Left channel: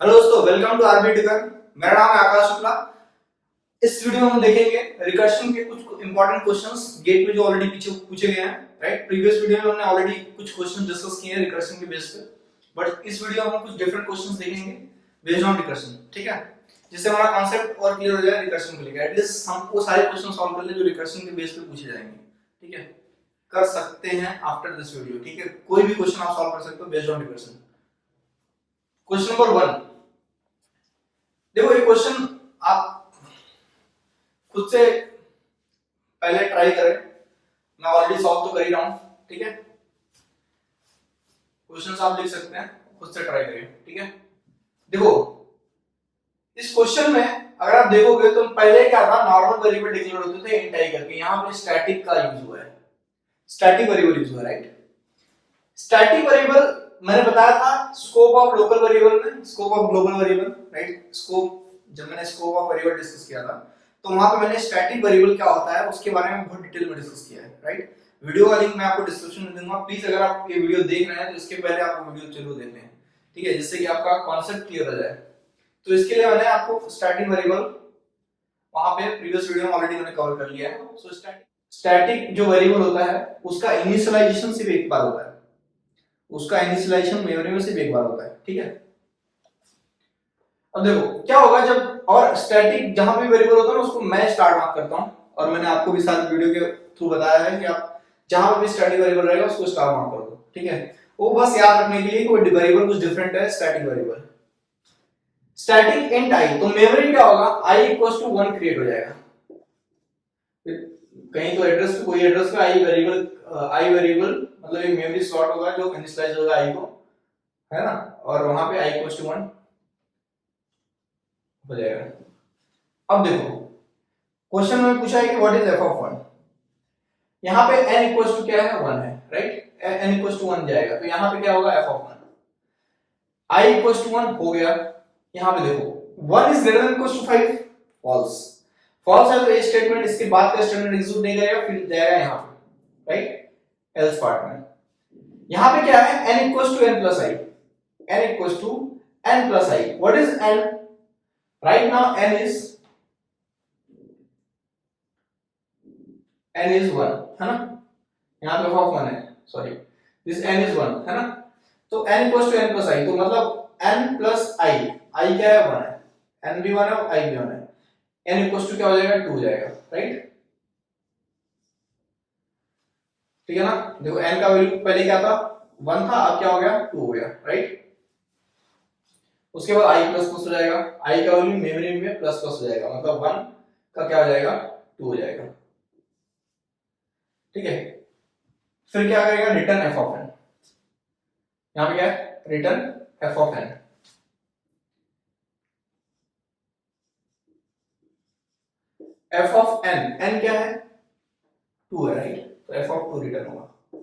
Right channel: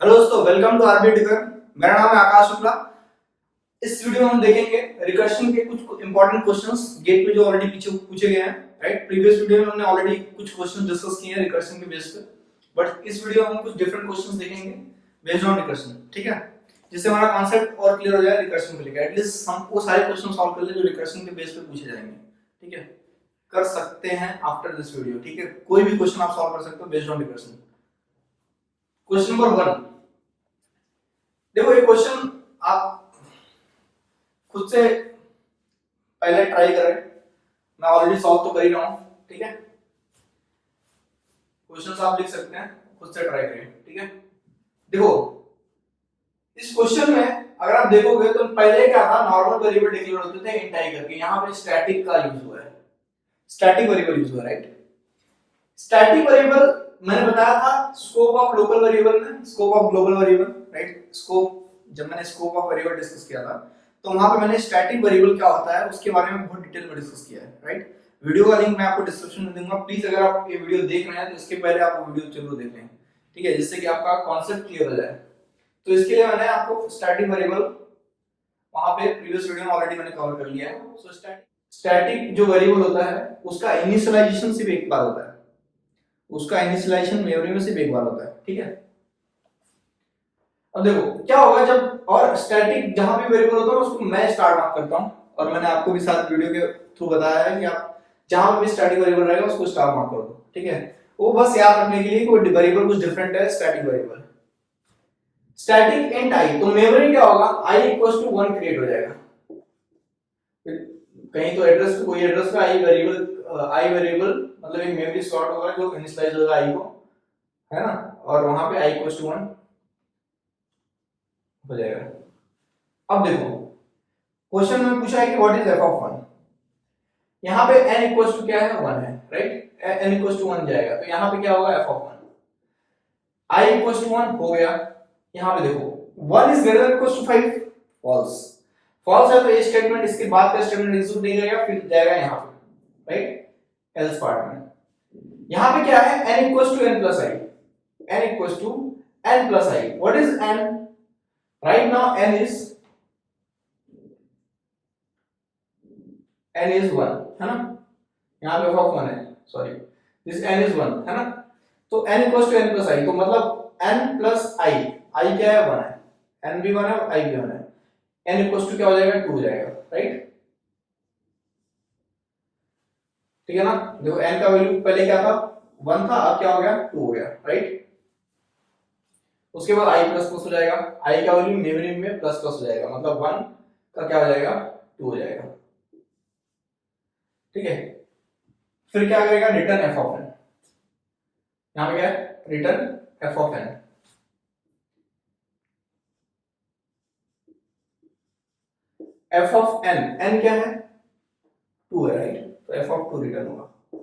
Hello दोस्तों, welcome to RB tutor. मेरा नाम है आकाश शुक्ला। इस वीडियो में हम देखेंगे रिकर्शन के कुछ इंपॉर्टेंट क्वेश्चंस गेट में जो ऑलरेडी पीछे पूछे गए हैं। राइट, प्रीवियस वीडियो में हमने ऑलरेडी कुछ क्वेश्चन डिस्कस किए हैं रिकर्शन के बेस पे, बट इस वीडियो में हम कुछ डिफरेंट क्वेश्चंस देखेंगे बेस्ड ऑन रिकर्शन। ठीक है, जिससे हमारा कॉन्सेप्ट और क्लियर हो जाए रिकर्शन को लेकर। एटलीस्ट हम वो सारे क्वेश्चन सॉल्व कर ले जो रिकर्शन के बेस पे पूछे जाएंगे। ठीक है, कर सकते हैं आफ्टर दिस वीडियो। ठीक है, कोई भी क्वेश्चन आप सॉल्व कर सकते हो based on recursion. Question number 1, देखो ये क्वेश्चन आप खुद से पहले ट्राई करें। मैं ऑलरेडी सॉल्व तो कर ही रहा हूं। ठीक है, क्वेश्चंस आप लिख सकते हैं, खुद से ट्राई करें। ठीक है, देखो इस क्वेश्चन में अगर आप देखोगे तो पहले क्या था, नॉर्मल वेरिएबल डिक्लेयर होते थे इंट आई करके। यहां पे स्टैटिक का यूज हुआ है, स्टैटिक वेरिएबल यूज हुआ है। राइट, स्टैटिक वेरिएबल मैंने बताया था स्कोप ऑफ लोकल वेरिएबल में, scope of global variable. Right, scope जब मैंने स्कोप ऑफ वेरिएबल डिस्कस किया था तो वहां पे मैंने स्टैटिक वेरिएबल क्या होता है उसके बारे में बहुत डिटेल में डिस्कस किया है। राइट, वीडियो का लिंक मैं आपको डिस्क्रिप्शन में दूंगा। प्लीज अगर आप ये वीडियो देख रहे हैं तो इसके पहले आप वो वीडियो जरूर देख लें। ठीक है, जिससे कि आपका कॉन्सेप्ट क्लियर हो जाए। तो इसके लिए मैंने आपको स्टैटिक वेरिएबल वहां पे प्रीवियस वीडियो में ऑलरेडी मैंने कवर कर लिया है। सो स्टैटिक जो वेरिएबल होता है उसका इनिशियलाइजेशन सिर्फ एक बार होता है, उसका इनिशियलाइजेशन मेमोरी में सिर्फ एक बार होता है। ठीक है, अब देखो क्या होगा जब, और स्टैटिक जहां भी वेरिएबल होता है ना उसको मैं स्टार मार्क करता हूं, और मैंने आपको भी साथ वीडियो के थ्रू बताया है कि आप जहां भी स्टैटिक वेरिएबल रहेगा उसको स्टार मार्क कर दो। ठीक है, वो बस याद रखने के लिए कि वो वेरिएबल कुछ डिफरेंट है। स्टैटिक वेरिएबल स्टैटिक इंट आई, तो मेमोरी क्या होगा, i इक्वल्स टू 1 क्रिएट हो जाएगा। कहीं तो एड्रेस पे, कोई एड्रेस पे आई वेरिएबल मतलब एक मेमोरी स्लॉट होगा जो इनिशियलाइज होगा i को, है ना, और वहां पे i इक्वल्स टू 1 हो जाएगा। अब देखो क्वेश्चन में पूछा है कि व्हाट इज एफ ऑफ 1। यहाँ पे n इक्वल्स टू क्या है, 1 है। राइट, n इक्वल्स टू 1 जाएगा तो यहाँ पे क्या होगा, F of 1 i equals to 1 हो गया। यहाँ पे देखो 1 is greater than equals to 5, false. False है तो ये स्टेटमेंट, इसके बाद का स्टेटमेंट एग्जीक्यूट नहीं करेगा, फिर जाएगा यहाँ पे। राइट, एल्स पार्ट में यहाँ पे क्या है, n equals to n plus i, n equals to n plus i। What is n? Right now n is 1 है ना, यहाँ पे ऑफ 1 है, सॉरी दिस n इज 1 है ना। तो n equals to n plus i, तो मतलब n प्लस i, i क्या है, 1 है, n भी 1 है और i भी 1 है। n इक्वल्स टू क्या हो जाएगा, 2 हो जाएगा। राइट, ठीक है ना। देखो n का वैल्यू पहले क्या था, 1 था, अब क्या हो गया, 2 हो गया। राइट, उसके बाद i प्लस प्लस हो जाएगा, i का वैल्यू मेमोरी में प्लस प्लस हो जाएगा, मतलब 1 का क्या हो जाएगा, 2 हो जाएगा। ठीक है, फिर क्या करेगा, रिटर्न एफ ऑफ एन। यहां पे क्या है, return F of N. F of N, N क्या है, 2 है। राइट, तो एफ ऑफ 2 रिटर्न होगा।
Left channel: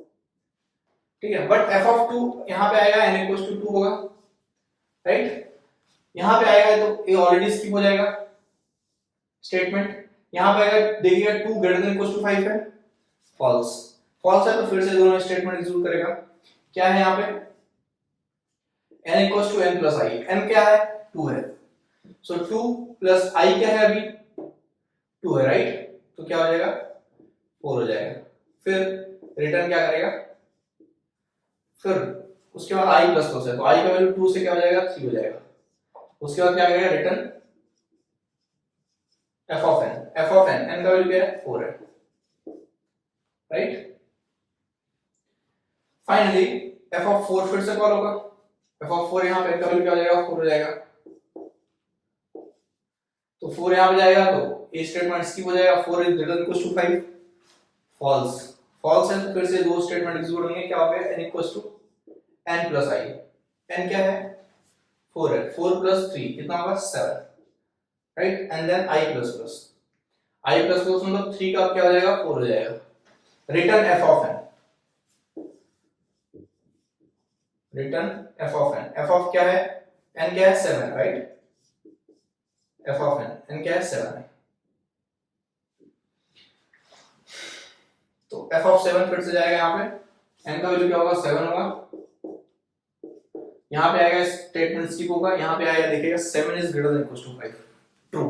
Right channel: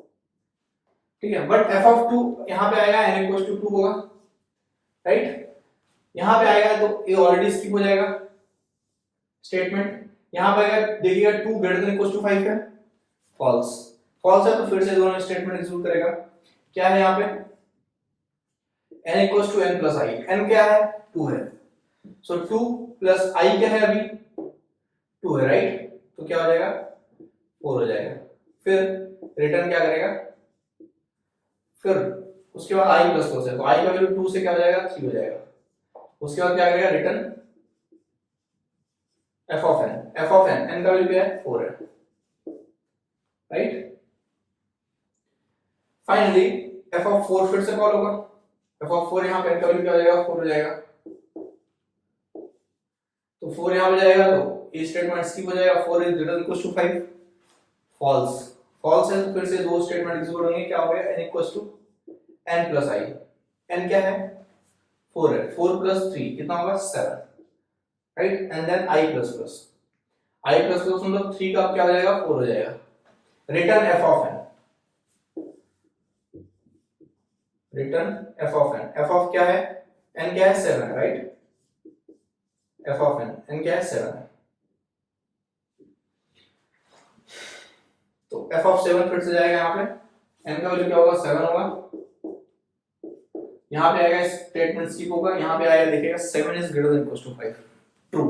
ठीक है, बट एफ ऑफ 2 यहां पे आएगा, एन इक्वल्स टू 2 होगा। राइट, यहां पे आएगा तो ये ऑलरेडी स्किप हो जाएगा स्टेटमेंट। यहां पे अगर देखिएगा 2 ग्रेटर देन इक्वल्स टू 5 है, फॉल्स। फॉल्स है तो फिर से दोनों स्टेटमेंट एग्जीक्यूट करेगा। क्या है यहाँ पे, n equals to n plus i, n क्या है, 2 है, सो 2 प्लस i क्या है, अभी 2 है। राइट, तो क्या हो जाएगा, 4 हो जाएगा। फिर रिटर्न क्या करेगा, फिर उसके बाद i प्लस प्लस है तो i का वैल्यू 2 से क्या हो जाएगा, 3 हो जाएगा। उसके बाद क्या करेगा, return f of n। f of n, n का वैल्यू क्या है, 4 है। राइट, फाइनली f ऑफ 4 फिर से कॉल होगा। f ऑफ 4 यहाँ पे n का वैल्यू क्या हो जाएगा, 4 हो जाएगा। तो 4 यहाँ पे जाएगा तो ये स्टेटमेंट स्किप हो जाएगा, 4 is greater than equals to 5, false. False है तो फिर से दो स्टेटमेंट एग्जीक्यूट होंगे। क्या हो गया, n equals to n plus i। n क्या है, 4 है, 4 प्लस 3 कितना होगा, 7। Right, and then i plus plus, i plus plus मतलब 3 का क्या हो जाएगा, 4 हो जाएगा। Return f of n, return f of n। f of क्या है, n क्या है, 7। Right, f of n, n क्या है, 7 है। तो f ऑफ 7 फिर से जाएगा यहाँ पे, n का वैल्यू क्या होगा, 7 होगा। यहाँ पे आएगा स्टेटमेंट स्किप होगा, यहाँ पे आएगा देखेगा 7 is greater than equal to 5, true.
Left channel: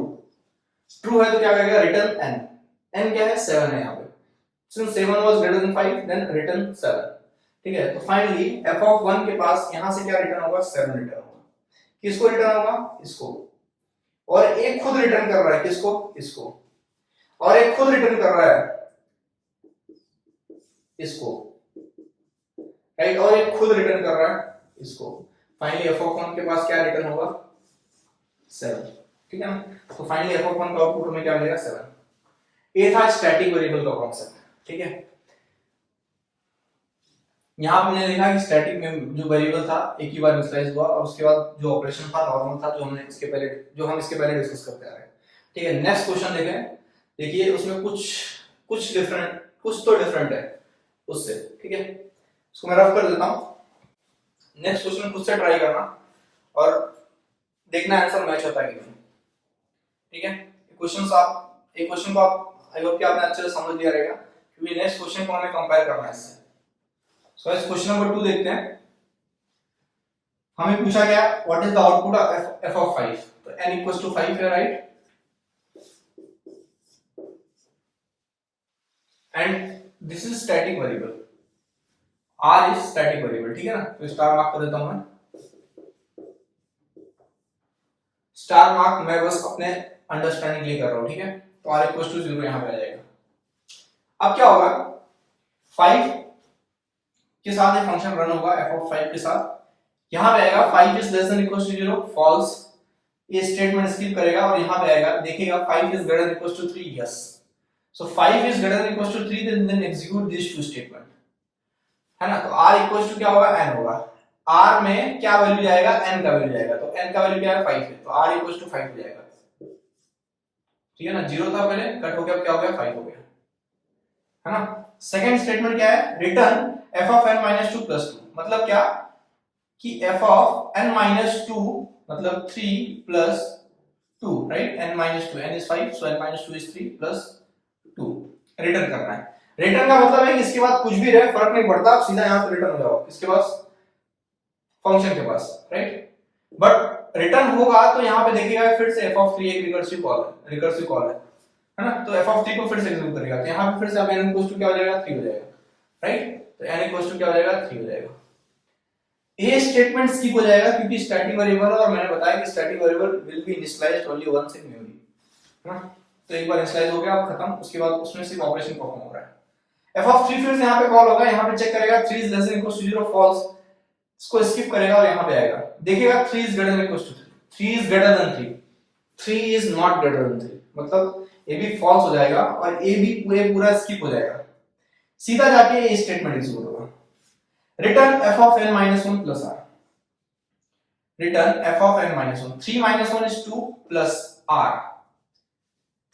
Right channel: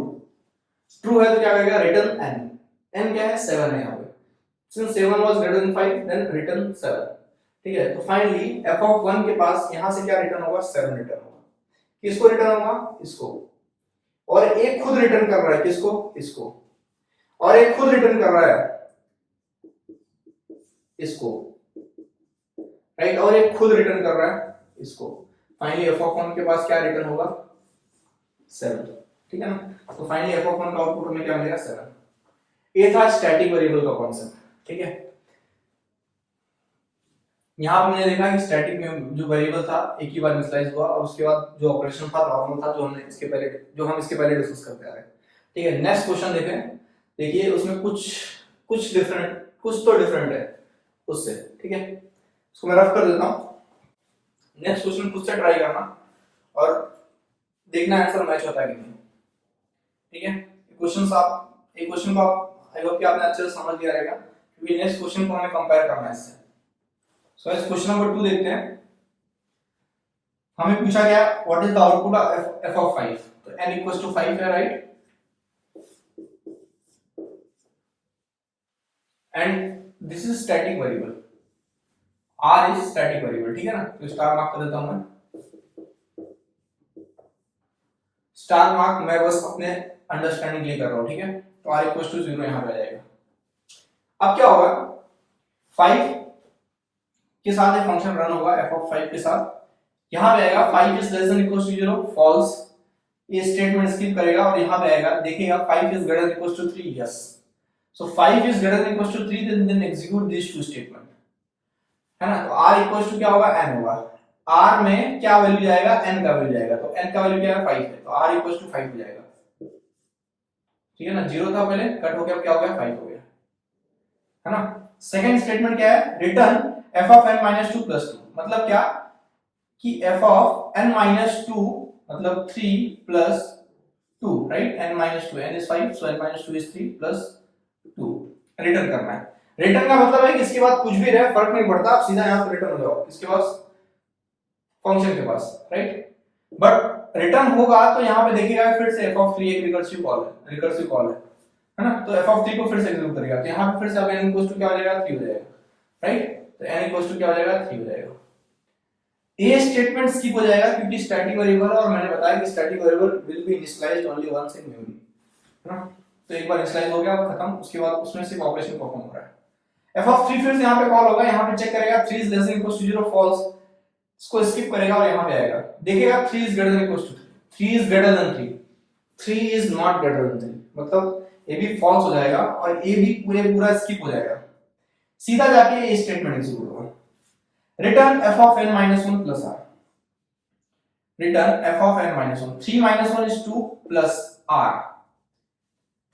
True है तो क्या करेगा, रिटर्न n, n क्या है 7 है यहाँ पे, since 7 was greater than 5 then return 7, ठीक है। तो फाइनली f of 1 के पास यहाँ से क्या रिटर्न होगा, 7 रिटर्न होगा। किसको रिटर्न होगा, इसको, और एक खुद रिटर्न कर रहा है, किसको, इसको, और एक खुद रिटर्न कर रहा है इसको, राइट, और एक खुद रिटर्न कर रहा है इसको। फाइनली f of 1 के पास क्या रिटर्न होगा, 7, ठीक है ना। तो फाइनली f of 1 का आउटपुट हमें क्या मिलेगा, 7। ये था स्टैटिक वेरिएबल का कॉन्सेप्ट, ठीक है। यहां पर हमने देखा कि स्टैटिक में जो वेरिएबल था एक ही बार इनिशियलाइज हुआ, और उसके बाद जो ऑपरेशन था नॉर्मल था, जो हम इसके पहले डिस्कस करते आ रहे हैं, ठीक है। नेक्स्ट क्वेश्चन देखें, देखिए उसमें कुछ डिफरेंट, कुछ तो डिफरेंट है उससे, ठीक है। इसको मैं रफ कर देता हूं। नेक्स्ट क्वेश्चन खुद से ट्राई करना और देखना आंसर मैच होता है कि नहीं, ठीक है। क्वेश्चन को आप आई होप कि आपने अच्छे से समझ लिया रहेगा, क्योंकि नेक्स्ट क्वेश्चन को हमें कंपेयर करना है इससे। सो इस क्वेश्चन नंबर 2 देखते हैं। हमें पूछा गया what is the output of f of 5, तो n equals to 5 है, right, and this is static variable, r is static variable, ठीक है ना। तो स्टार मार्क कर देता हूं मैं, स्टार मार्क मैं बस अपने अंडरस्टैंडिंग के लिए कर रहा हूं, ठीक है। तो r equals to 0 यहां पे आ जाएगा। अब क्या होगा, 5 के साथ ये फंक्शन रन होगा f of 5 के साथ, यहां पे आएगा 5 is less than equals to 0 false, ये स्टेटमेंट स्किप करेगा, और यहां पे आएगा देखेगा 5 is greater than equals to 3, yes, so 5 is greater than equals to 3, then execute these two statement, है ना। तो r equals to क्या होगा, n होगा, r में क्या वैल्यू जाएगा, n का वैल्यू जाएगा, तो n का वैल्यू क्या है, 5 है, तो r equals to 5 हो जाएगा, ठीक है ना। 0 था पहले, कट हो गया, क्या हो गया, 5 हो गया, है ना। सेकंड स्टेटमेंट क्या है, return f of n minus 2 plus 2, मतलब क्या कि f of n minus 2 मतलब 3 plus 2, right, n minus 2, n is 5, so n minus 2 is 3 plus 2, return करना है। रिटर्न का मतलब है कि इसके बाद कुछ भी रहे फर्क नहीं पड़ता, आप सीधा यहां से रिटर्न हो जाओ इसके पास, फंक्शन के पास, राइट। बट रिटर्न होगा तो यहां पे देखिएगा फिर से f of 3 एक रिकर्सिव कॉल है ना। तो f of 3 को फिर से एग्जीक्यूट करेगा, तो यहां पे फिर से अब n इक्वल टू क्या हो जाएगा, 3 हो जाएगा, राइट। तो n इक्वल टू क्या हो जाएगा, 3 हो जाएगा। ये स्टेटमेंट स्किप हो जाएगा क्योंकि स्टैटिक वेरिएबल है, और मैंने बताया कि static variable will be initialised only once in memory, है ना। तो एक बार इनिशियलाइज हो गया खत्म, उसके बाद उसमें सिर्फ ऑपरेशन परफॉर्म हो रहा है। f of 3 फिर से यहां पे कॉल होगा, यहां पे चेक करेगा 3 is less than equals to 0 false, इसको स्किप करेगा और यहां पे आएगा, देखिएगा 3 is greater than equals to 3, 3 is greater than 3, 3 is not greater than 3, मतलब ये भी फॉल्स हो जाएगा और ये भी पूरा स्किप हो जाएगा, सीधा जाके ये स्टेटमेंट एग्जीक्यूट होगा। Return f of n minus 1 plus r, return f of n minus 1, 3 minus 1 is 2 plus r,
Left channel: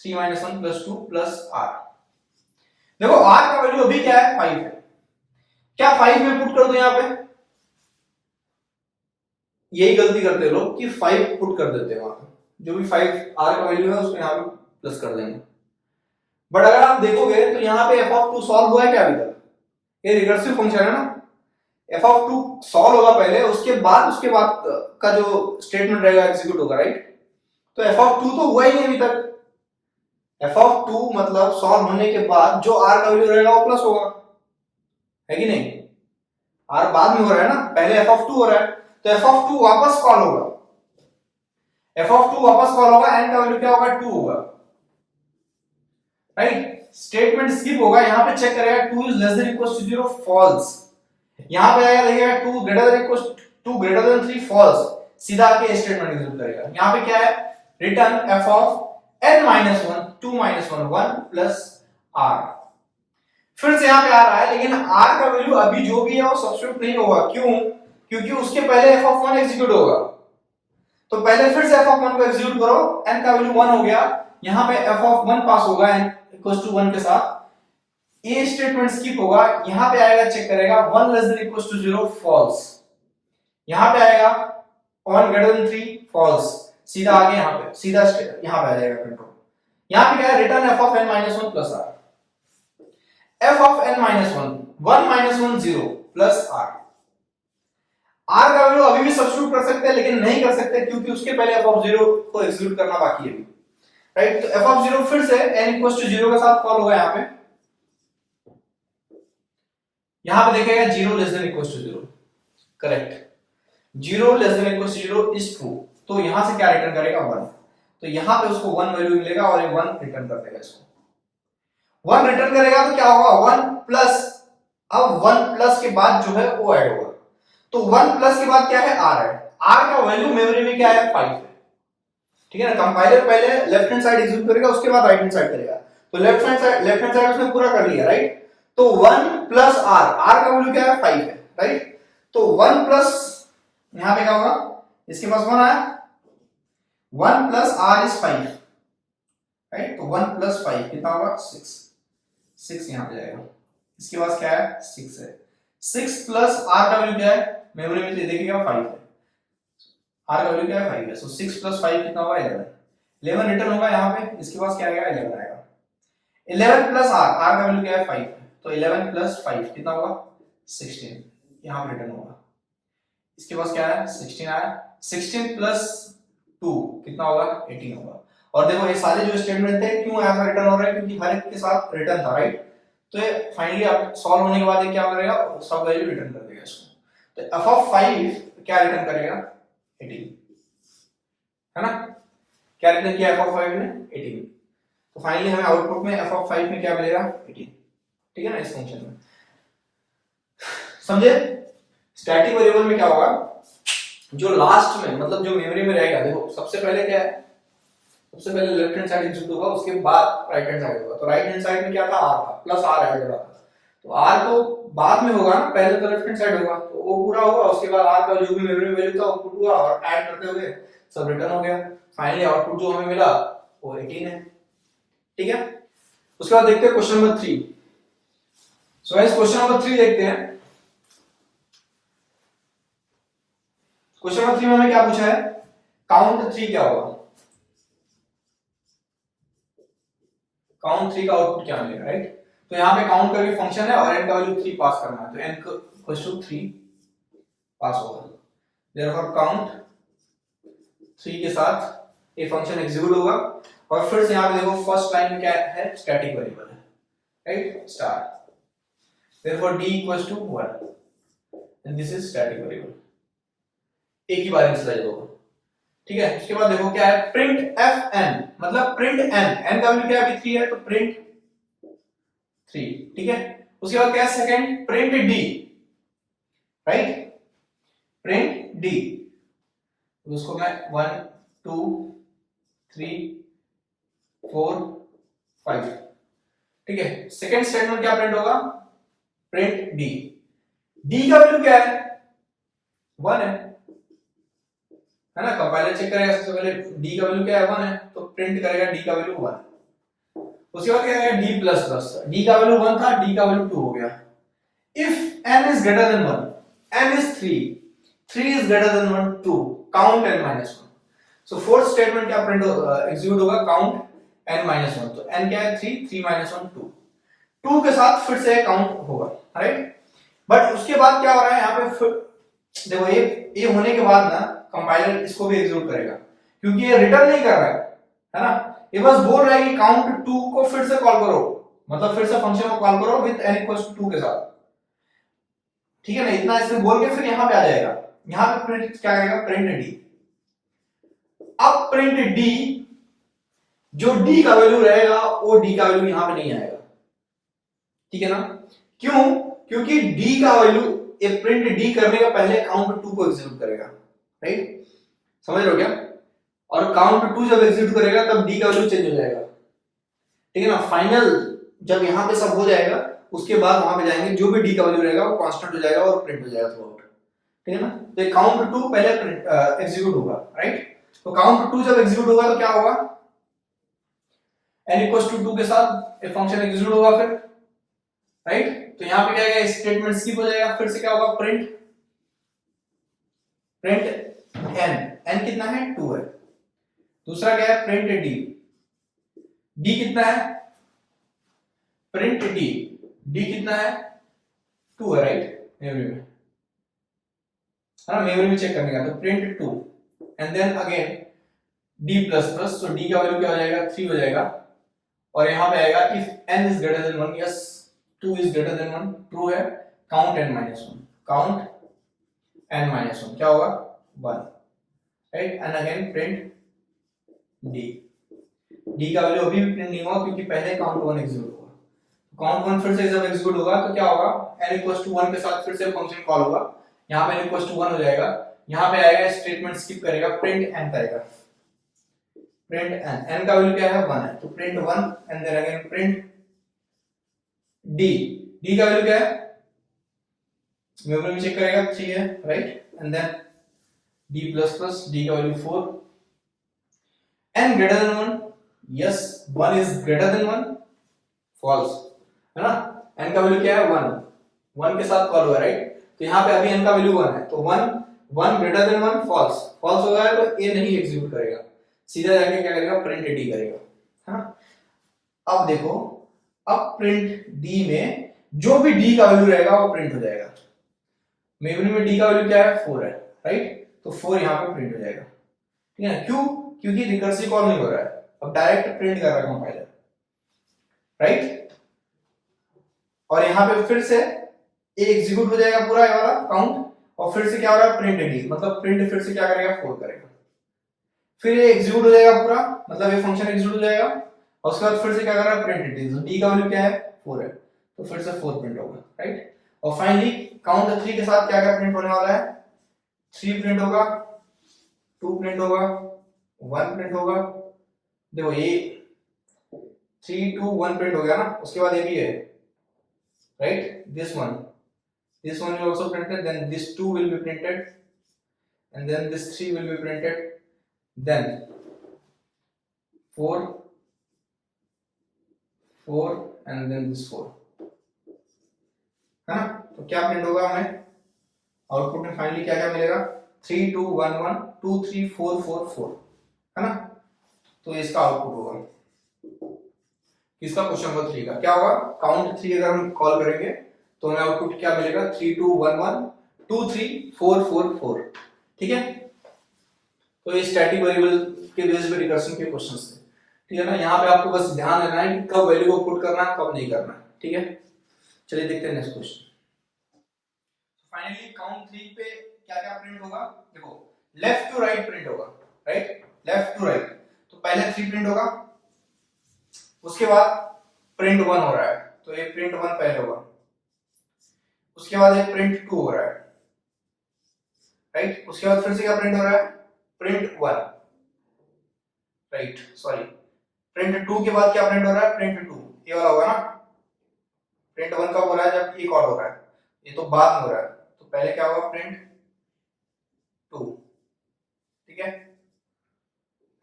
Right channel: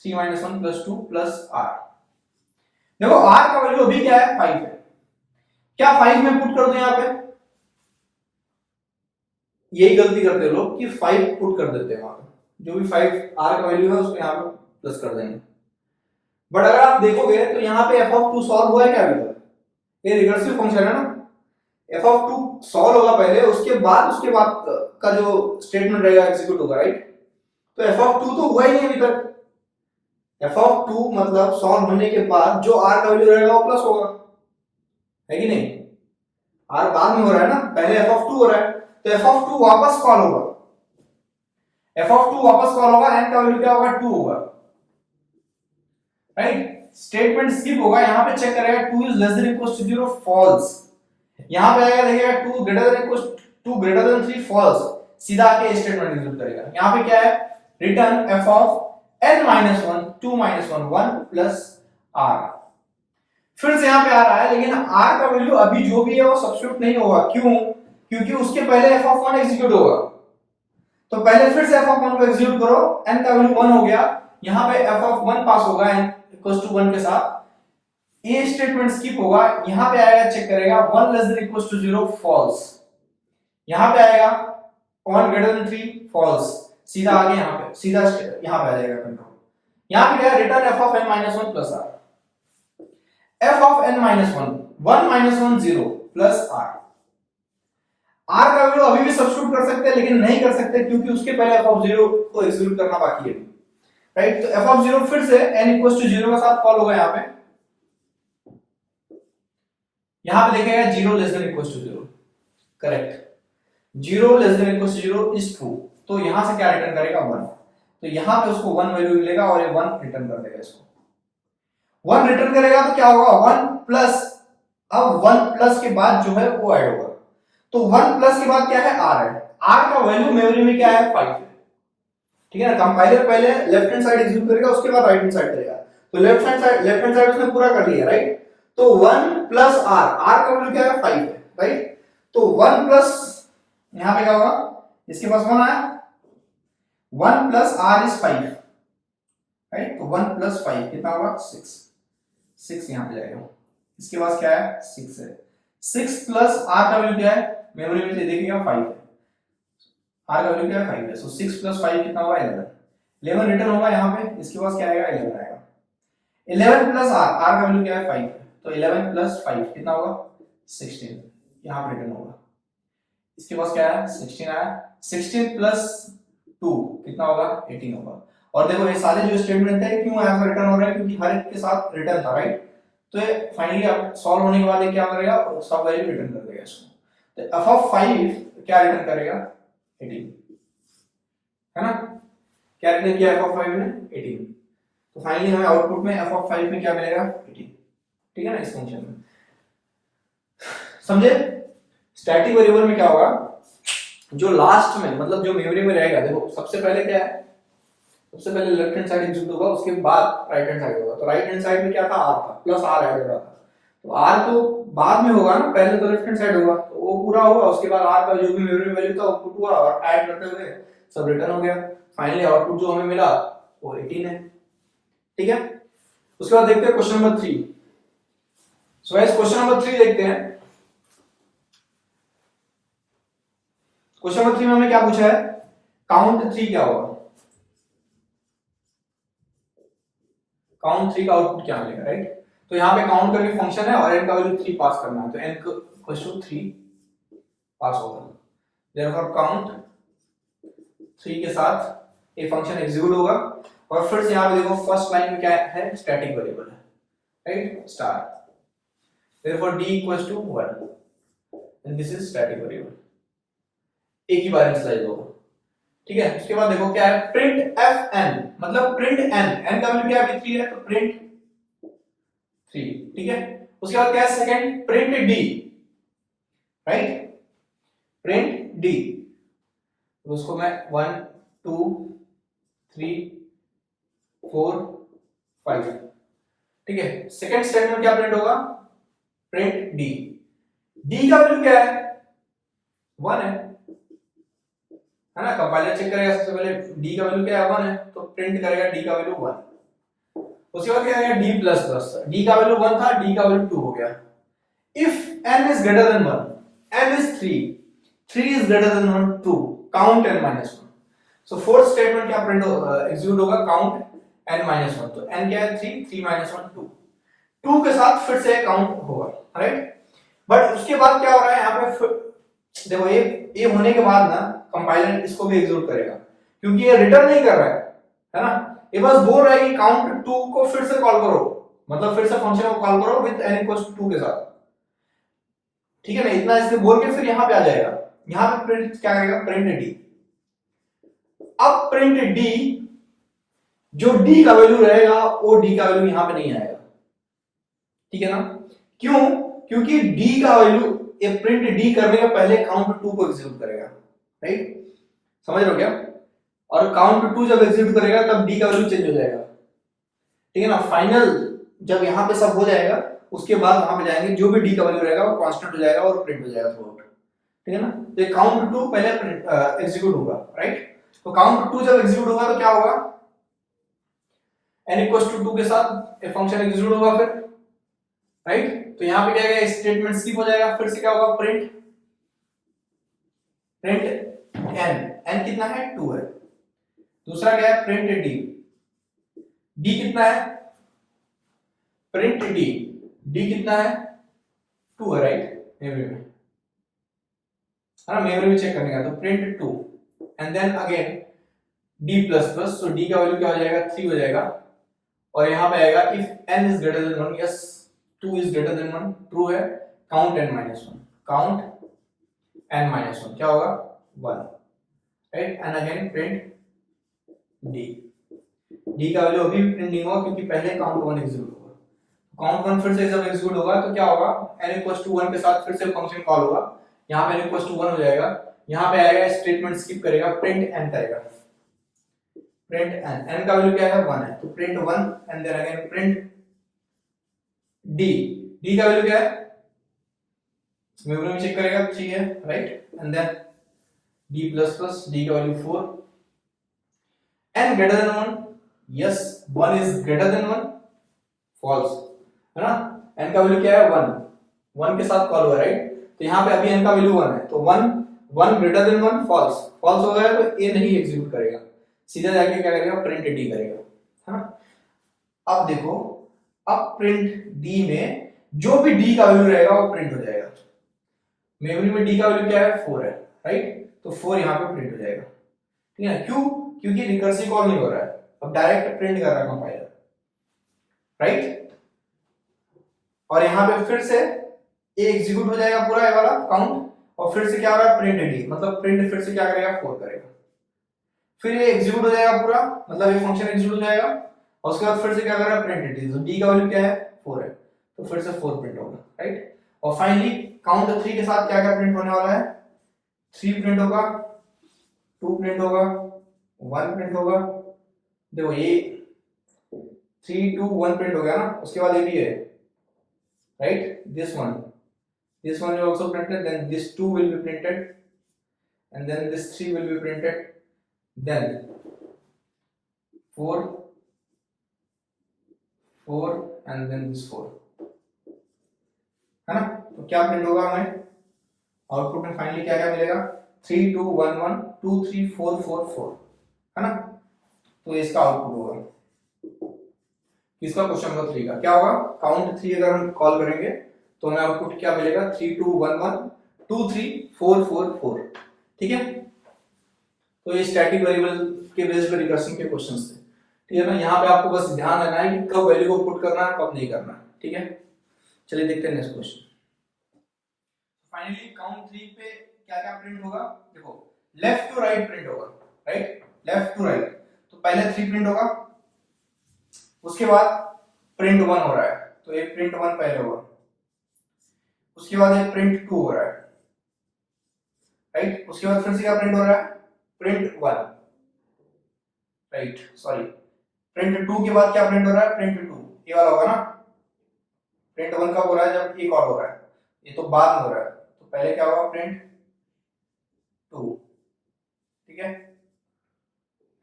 3 minus 1 plus 2 plus r। देखो r का वैल्यू अभी क्या है, 5 है, क्या 5 में पुट कर दो यहां पे, यही गलती करते हैं लोग कि 5 पुट कर देते हैं वहां पे, जो भी 5 r का वैल्यू है उसको यहां पे प्लस कर देंगे। बट अगर आप देखोगे तो यहां पे f of 2 सॉल्व हुआ है क्या अभी तक, ये रिकर्सिव फंक्शन है ना, f of 2 सॉल्व होगा पहले, उसके बाद का जो स्टेटमेंट रहेगा एग्जीक्यूट होगा, राइट। तो f of 2 तो हुआ ही नहीं अभी तक, f of 2 मतलब सॉल्व होने के बाद जो r का वैल्यू रहेगा वो प्लस होगा, है कि नहीं, r बाद में हो रहा है ना, पहले f of 2 हो रहा है, तो f of 2 वापस कॉल होगा, n का वैल्यू क्या होगा, 2 होगा, राइट। स्टेटमेंट स्किप होगा, यहां पे चेक करेगा 2 is less than equals to 0 false, यहां पे आएगा देखिएगा 2 greater than 3 false, सीधा आके स्टेटमेंट एग्जीक्यूट करेगा। यहां पे क्या है, return f of n minus 1 2 minus 1 1 plus r, फिर से यहां पे आ रहा है, लेकिन r का वैल्यू अभी जो भी है वो सब्स्टिट्यूट नहीं होगा, क्यों, क्योंकि उसके पहले f of 1 एग्जीक्यूट होगा, तो पहले फिर से f of 1 को एग्जीक्यूट करो, n का वैल्यू 1 हो गया, यहां पे f of 1 पास होगा n इक्वल्स टू 1 के साथ, ये स्टेटमेंट स्किप होगा, यहां पे आएगा चेक करेगा 1 less than equals to 0 false, यहां पे आएगा 1 ग्रेटर देन 3 फॉल्स, सीधा आगे यहां पे आ जाएगा कंट्रोल। यहां पे क्या है, return f of n minus 1 plus r, f of n minus 1 1 minus 1 0 plus r, are का वैल्यू अभी भी सब्स्टिट्यूट कर सकते हैं लेकिन नहीं कर सकते क्योंकि उसके पहले एफ ऑफ 0 को एग्जीक्यूट करना बाकी है, राइट। तो एफ ऑफ 0 फिर से n इक्वल्स टू 0 के साथ कॉल होगा यहां पे देखेगा 0 less than equals to 0, correct. 0 less than equals to 0 is true, तो यहां से क्या रिटर्न करेगा 1, तो यहां पे उसको 1 वैल्यू मिलेगा और ये 1 रिटर्न कर देगा, इसको 1 रिटर्न करेगा तो क्या होगा 1 प्लस, अब 1 प्लस के बाद जो है वो ऐड होगा, तो 1 प्लस के बाद क्या है r है, r का वैल्यू मेमोरी में क्या है 5 है, ठीक है ना। कंपाइलर पहले लेफ्ट हैंड साइड एग्जीक्यूट करेगा उसके बाद राइट हैंड साइड करेगा, तो लेफ्ट हैंड साइड उसने पूरा कर लिया, राइट। तो 1 प्लस r, r का वैल्यू क्या है 5 है, राइट। तो 1 प्लस यहां पे क्या होगा, इसके पास 1 आया, 1 प्लस r इज 5, राइट। तो 1 प्लस 5 कितना होगा 6, 6 यहां पे जाएगा, इसके पास क्या है 6 है, 6 प्लस r का वैल्यू क्या है मेमोरी में देखिएगा 5 है, r का वैल्यू क्या है 5 है, सो 6 प्लस 5 कितना होगा 11, 11 रिटर्न होगा यहां पे, इसके पास क्या आएगा 11 आएगा, 11 प्लस r, r का वैल्यू क्या है 5 है, तो 11 प्लस 5 कितना होगा 16, यहां पे रिटर्न होगा, इसके पास क्या है 16 आया, 16 प्लस 2 कितना होगा 18 होगा। और देखो ये सारे जो स्टेटमेंट थे क्यों ऐसा रिटर्न हो रहा है, क्योंकि हर एक के साथ रिटर्न था, राइट। तो ये फाइनली आप सॉल्व होने के बाद ये क्या करेगा, सब वैल्यू रिटर्न कर देगा इसको, तो f ऑफ 5 क्या रिटर्न करेगा 18, है ना, क्या रिटर्न किया f ऑफ 5 ने 18, तो फाइनली हमें आउटपुट में f ऑफ 5 में क्या मिलेगा 18, ठीक है ना, इस फंक्शन में, समझे। स्टैटिक वेरिएबल में क्या होगा, जो लास्ट में मतलब जो मेमोरी में रहेगा, देखो सबसे पहले क्या है, सबसे पहले लेफ्ट हैंड साइड एग्जीक्यूट होगा उसके बाद राइट हैंड साइड होगा, तो राइट हैंड साइड में क्या था r था प्लस r ऐड हो रहा था, तो r तो बाद में होगा ना, पहले तो लेफ्ट हैंड साइड होगा, तो वो पूरा हुआ, उसके बाद r का जो भी मेमोरी वैल्यू था आउटपुट हुआ और ऐड करते हुए सब रिटर्न हो गया, फाइनली आउटपुट जो हमें मिला वो 18 है, ठीक है। उसके बाद देखते हैं question number 3। So guys question number 3 देखते हैं। क्वेश्चन नंबर 3 में हमें क्या पूछा है, काउंट 3 क्या होगा, काउंट 3 का आउटपुट क्या मिलेगा, राइट। तो यहाँ पे काउंट करके फंक्शन है और n का वैल्यू 3 पास करना है, तो n इक्वल्स टू 3 पास होगा, देयरफॉर काउंट 3 के साथ ये फंक्शन एग्जीक्यूट होगा, और फिर से यहाँ पे देखो फर्स्ट लाइन में क्या है स्टैटिक वेरिएबल है, right, star, therefore d equals to 1 and this is static variable, एक ही बार इनिशियलाइज होगा, ठीक है। उसके बाद देखो क्या है प्रिंट fn, मतलब प्रिंट n का वैल्यू क्या है अभी 3 है, तो प्रिंट 3, ठीक है। उसके बाद क्या है second print d, right, print d, तो उसको मैं 1 2 3 4 5, ठीक है। सेकंड स्टेटमेंट क्या प्रिंट होगा, प्रिंट d, d का वैल्यू क्या है 1 है ना, कंपाइलर चेक करेगा सबसे पहले d का वैल्यू क्या है 1 है, तो प्रिंट करेगा d का वैल्यू 1, उसके बाद क्या आएगा d प्लस प्लस, d का वैल्यू 1 था, d का वैल्यू 2 हो गया, if n is greater than 1, n is 3, 3 is greater than 1 2, count n minus 1, so fourth statement क्या प्रिंट एग्जीक्यूट होगा काउंट n minus 1, तो n क्या है 3, 3 minus 1 2, 2 के साथ फिर से काउंट होगा, राइट। बट उसके बाद क्या हो रहा है यहाँ पे, देखो ये होने के बाद ना कंपाइलर इसको भी एग्जीक्यूट करेगा, क्योंकि ये रिटर्न नहीं कर रहा है ना, ये बस बोल रहा है कि काउंट 2 को फिर से कॉल करो, मतलब फिर से फंक्शन को कॉल करो विद n इक्वल्स टू 2 के साथ, ठीक है ना, इतना इससे बोल के फिर यहां पे आ जाएगा, यहां पे प्रिंट क्या करेगा प्रिंट d, अब प्रिंट d, जो d का वैल्यू रहेगा वो d का वैल्यू यहां पे नहीं आएगा, ठीक है ना, क्यों, क्योंकि d का वैल्यू ये प्रिंट d करने के पहले काउंट 2 को एग्जीक्यूट करेगा, राइट, समझ रहे हो क्या, और काउंट 2 जब एग्जीक्यूट करेगा तब d का वैल्यू चेंज हो जाएगा, ठीक है ना, फाइनल जब यहां पे सब हो जाएगा उसके बाद वहां पे जाएंगे, जो भी d का वैल्यू रहेगा वो कांस्टेंट हो जाएगा और प्रिंट हो जाएगा थ्रू आउट, ठीक है ना। तो काउंट 2 पहले एग्जीक्यूट होगा, राइट, तो काउंट 2 जब एग्जीक्यूट होगा तो क्या होगा n इक्वल्स टू 2 के साथ ये फंक्शन एग्जीक्यूट होगा फिर, राइट, तो यहां पे क्या आएगा स्टेटमेंट स्किप हो जाएगा, फिर से क्या होगा प्रिंट n कितना है 2 है, दूसरा क्या है प्रिंट d कितना है, प्रिंट d कितना है 2 है, राइट, मेमोरी में, है ना, मेमोरी में चेक करने का, तो print 2 and then again d plus plus, तो d का वैल्यू क्या हो जाएगा 3 हो जाएगा, और यहाँ पे आएगा if n is greater than 1, yes 2 is greater than 1, true है, count n minus 1, count n minus 1 क्या होगा 1, right, and again print d, d का वैल्यू अभी भी प्रिंट नहीं हुआ क्योंकि पहले काउंट 1 एग्जीक्यूट होगा, काउंट 1 फिर से जब एग्जीक्यूट होगा तो क्या होगा, n इक्वल्स टू 1 के साथ फिर से फंक्शन कॉल होगा, यहाँ पे n इक्वल्स टू 1 हो जाएगा, यहाँ पे आएगा स्टेटमेंट स्किप करेगा, प्रिंट n करेगा, प्रिंट n का वैल्यू क्या है 1 है, तो print 1 and then again print d का वैल्यू क्या है, मेमोरी में चेक करेगा 3 है, right, and then d plus plus, d का value 4, n greater than 1, yes 1 is greater than 1, false, है ना, n का वैल्यू क्या है 1, 1 के साथ कॉल हुआ, राइट, तो यहाँ पे अभी n का वैल्यू 1 है, तो 1 ग्रेटर देन 1, फॉल्स, फॉल्स हो गया तो a नहीं एग्जीक्यूट करेगा, सीधा जाके क्या करेगा प्रिंट d करेगा, है ना। अब देखो, अब प्रिंट d में जो भी d का वैल्यू रहेगा वो प्रिंट हो जाएगा, मेमोरी में d का वैल्यू क्या है 4 है, राइट, तो 4 यहाँ पे प्रिंट हो जाएगा, ठीक है, क्यों, क्योंकि रिकर्सिव कॉल नहीं हो रहा है, अब डायरेक्ट प्रिंट कर रहा है कंपाइलर, राइट, और यहाँ पे फिर से ये एग्जीक्यूट हो जाएगा पूरा ये वाला काउंट, और फिर से क्या होगा प्रिंट डी, मतलब प्रिंट फिर से क्या करेगा 4 करेगा, फिर ये एग्जीक्यूट हो जाएगा पूरा, मतलब ये फंक्शन एग्जीक्यूट हो जाएगा, और उसके बाद फिर से क्या कर रहा है प्रिंट डी, तो डी का वैल्यू क्या है 4 है, तो फिर से 4 प्रिंट होगा, राइट, और फाइनली काउंट 3 के साथ क्या क्या प्रिंट होने वाला है, 3 प्रिंट होगा, 2 प्रिंट होगा, 1 प्रिंट होगा, देखो ये 3 2 1 प्रिंट हो गया ना, उसके बाद ये भी है, right, this one will also printed, then this 2 will be printed, and then this 3 will be printed, then 4 and then this 4, है ना, तो क्या प्रिंट होगा हमें आउटपुट में, फाइनली क्या क्या मिलेगा 3 2 1 1 2 3 4 4 4, है ना, तो इसका आउटपुट होगा किसका, क्वेश्चन नंबर 3 का क्या होगा, काउंट 3 अगर हम कॉल करेंगे तो हमें आउटपुट क्या मिलेगा 3 2 1 1 2 3 4 4 4, ठीक है, तो ये स्टैटिक वेरिएबल के बेस पे रिकर्शन के क्वेश्चंस थे, ठीक है ना, यहाँ पे आपको बस ध्यान रखना है कि कब वैल्यू को पुट करना है कब नहीं करना है, ठीक है, चलिए देखते हैं नेक्स्ट क्वेश्चन। फाइनली काउंट 3 पे क्या क्या प्रिंट होगा, देखो लेफ्ट टू राइट प्रिंट होगा, राइट, लेफ्ट टू राइट, तो पहले 3 प्रिंट होगा, उसके बाद प्रिंट 1 हो रहा है, तो एक प्रिंट 1 पहले होगा, उसके बाद एक प्रिंट 2 हो रहा है, राइट, उसके बाद फिर से क्या प्रिंट हो रहा है प्रिंट 1, राइट, सॉरी प्रिंट 2 के बाद क्या प्रिंट हो रहा है प्रिंट 2, ये वाला होगा ना, प्रिंट 1 कब हो रहा है जब एक और हो रहा है, ये तो बाद में हो रहा है, तो पहले क्या होगा प्रिंट 2, ठीक है,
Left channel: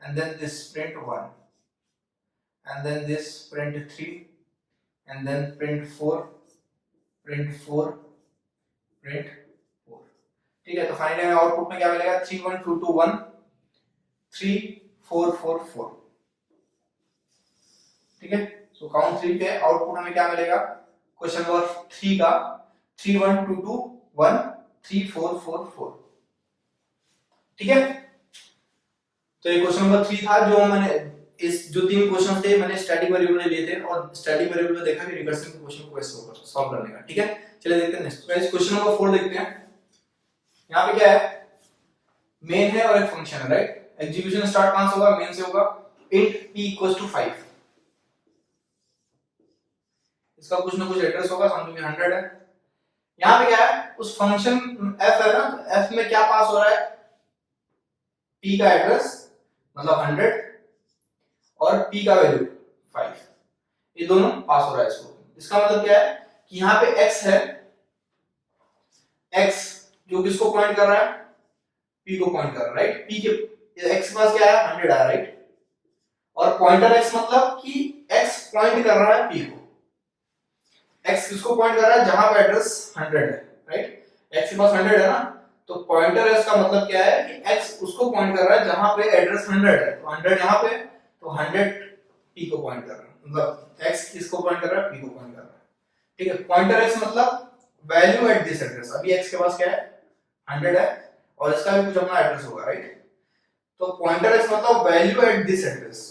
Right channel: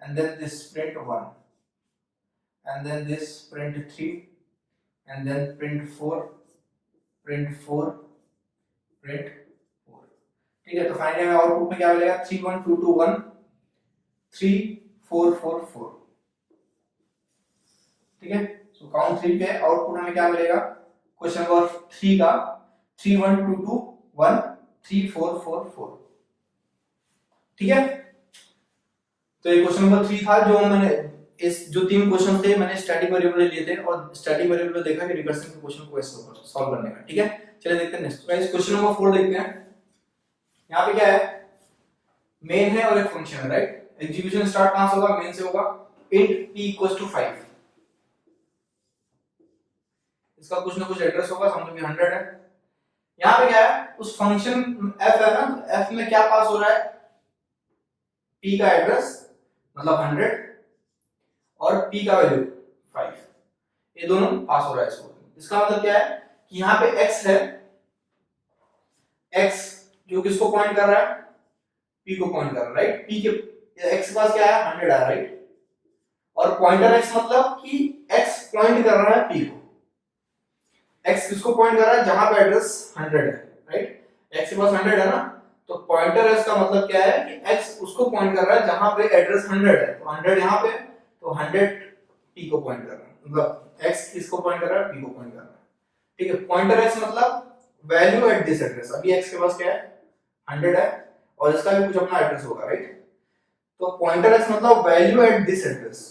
and then this print 1 and then this print 3 and then print 4 print 4 print 4, ठीक है, तो फाइनली हमें आउटपुट में क्या मिलेगा 3 1 2 2 1 3 4 4 4, ठीक है, सो काउंट 3 पे आउटपुट हमें क्या मिलेगा, क्वेश्चन नंबर 3 का 3 1 2 2 1 3 4 4 4, ठीक है, तो ये क्वेश्चन नंबर 3 था, जो मैंने इस जो 3 क्वेश्चन थे मैंने स्टैटिक वेरिएबल लिए थे, और स्टैटिक वेरिएबल में देखा कि रिकर्सिव के क्वेश्चन को कैसे सॉल्व करने का, ठीक है, चलिए देखते हैं नेक्स्ट गाइस, क्वेश्चन नंबर 4 देखते हैं, यहाँ पे क्या है मेन है और एक फंक्शन है, राइट, एग्जीक्यूशन स्टार्ट कहां से होगा मेन से होगा, int p = 5, इसका कुछ ना कुछ एड्रेस होगा, समझो कि 100 है, यहाँ पे क्या है उस फंक्शन f है ना, f में क्या पास हो रहा है p का एड्रेस मतलब 100 और p का वैल्यू 5, ये दोनों पास हो रहा है इसको, इसका मतलब क्या है कि यहाँ पे x है, x जो किसको पॉइंट कर रहा है p को पॉइंट कर रहा है, राइट, p के x के पास क्या है 100 है, राइट, और पॉइंटर x मतलब कि x पॉइंट कर रहा है p को, x किसको पॉइंट कर रहा है जहां पे एड्रेस 100 है, राइट, x के पास 100 है ना, तो पॉइंटर x का मतलब क्या है कि x उसको पॉइंट कर रहा है जहां पे एड्रेस 100 है, तो 100 यहां पे, तो 100 p को पॉइंट कर रहा है, मतलब x किसको पॉइंट कर रहा है p को पॉइंट कर रहा है, ठीक है, पॉइंटर x मतलब वैल्यू एट दिस एड्रेस, अभी x के पास क्या है 100 है, और इसका भी कुछ अपना एड्रेस होगा, राइट? तो पॉइंटर एक्स मतलब value at this address,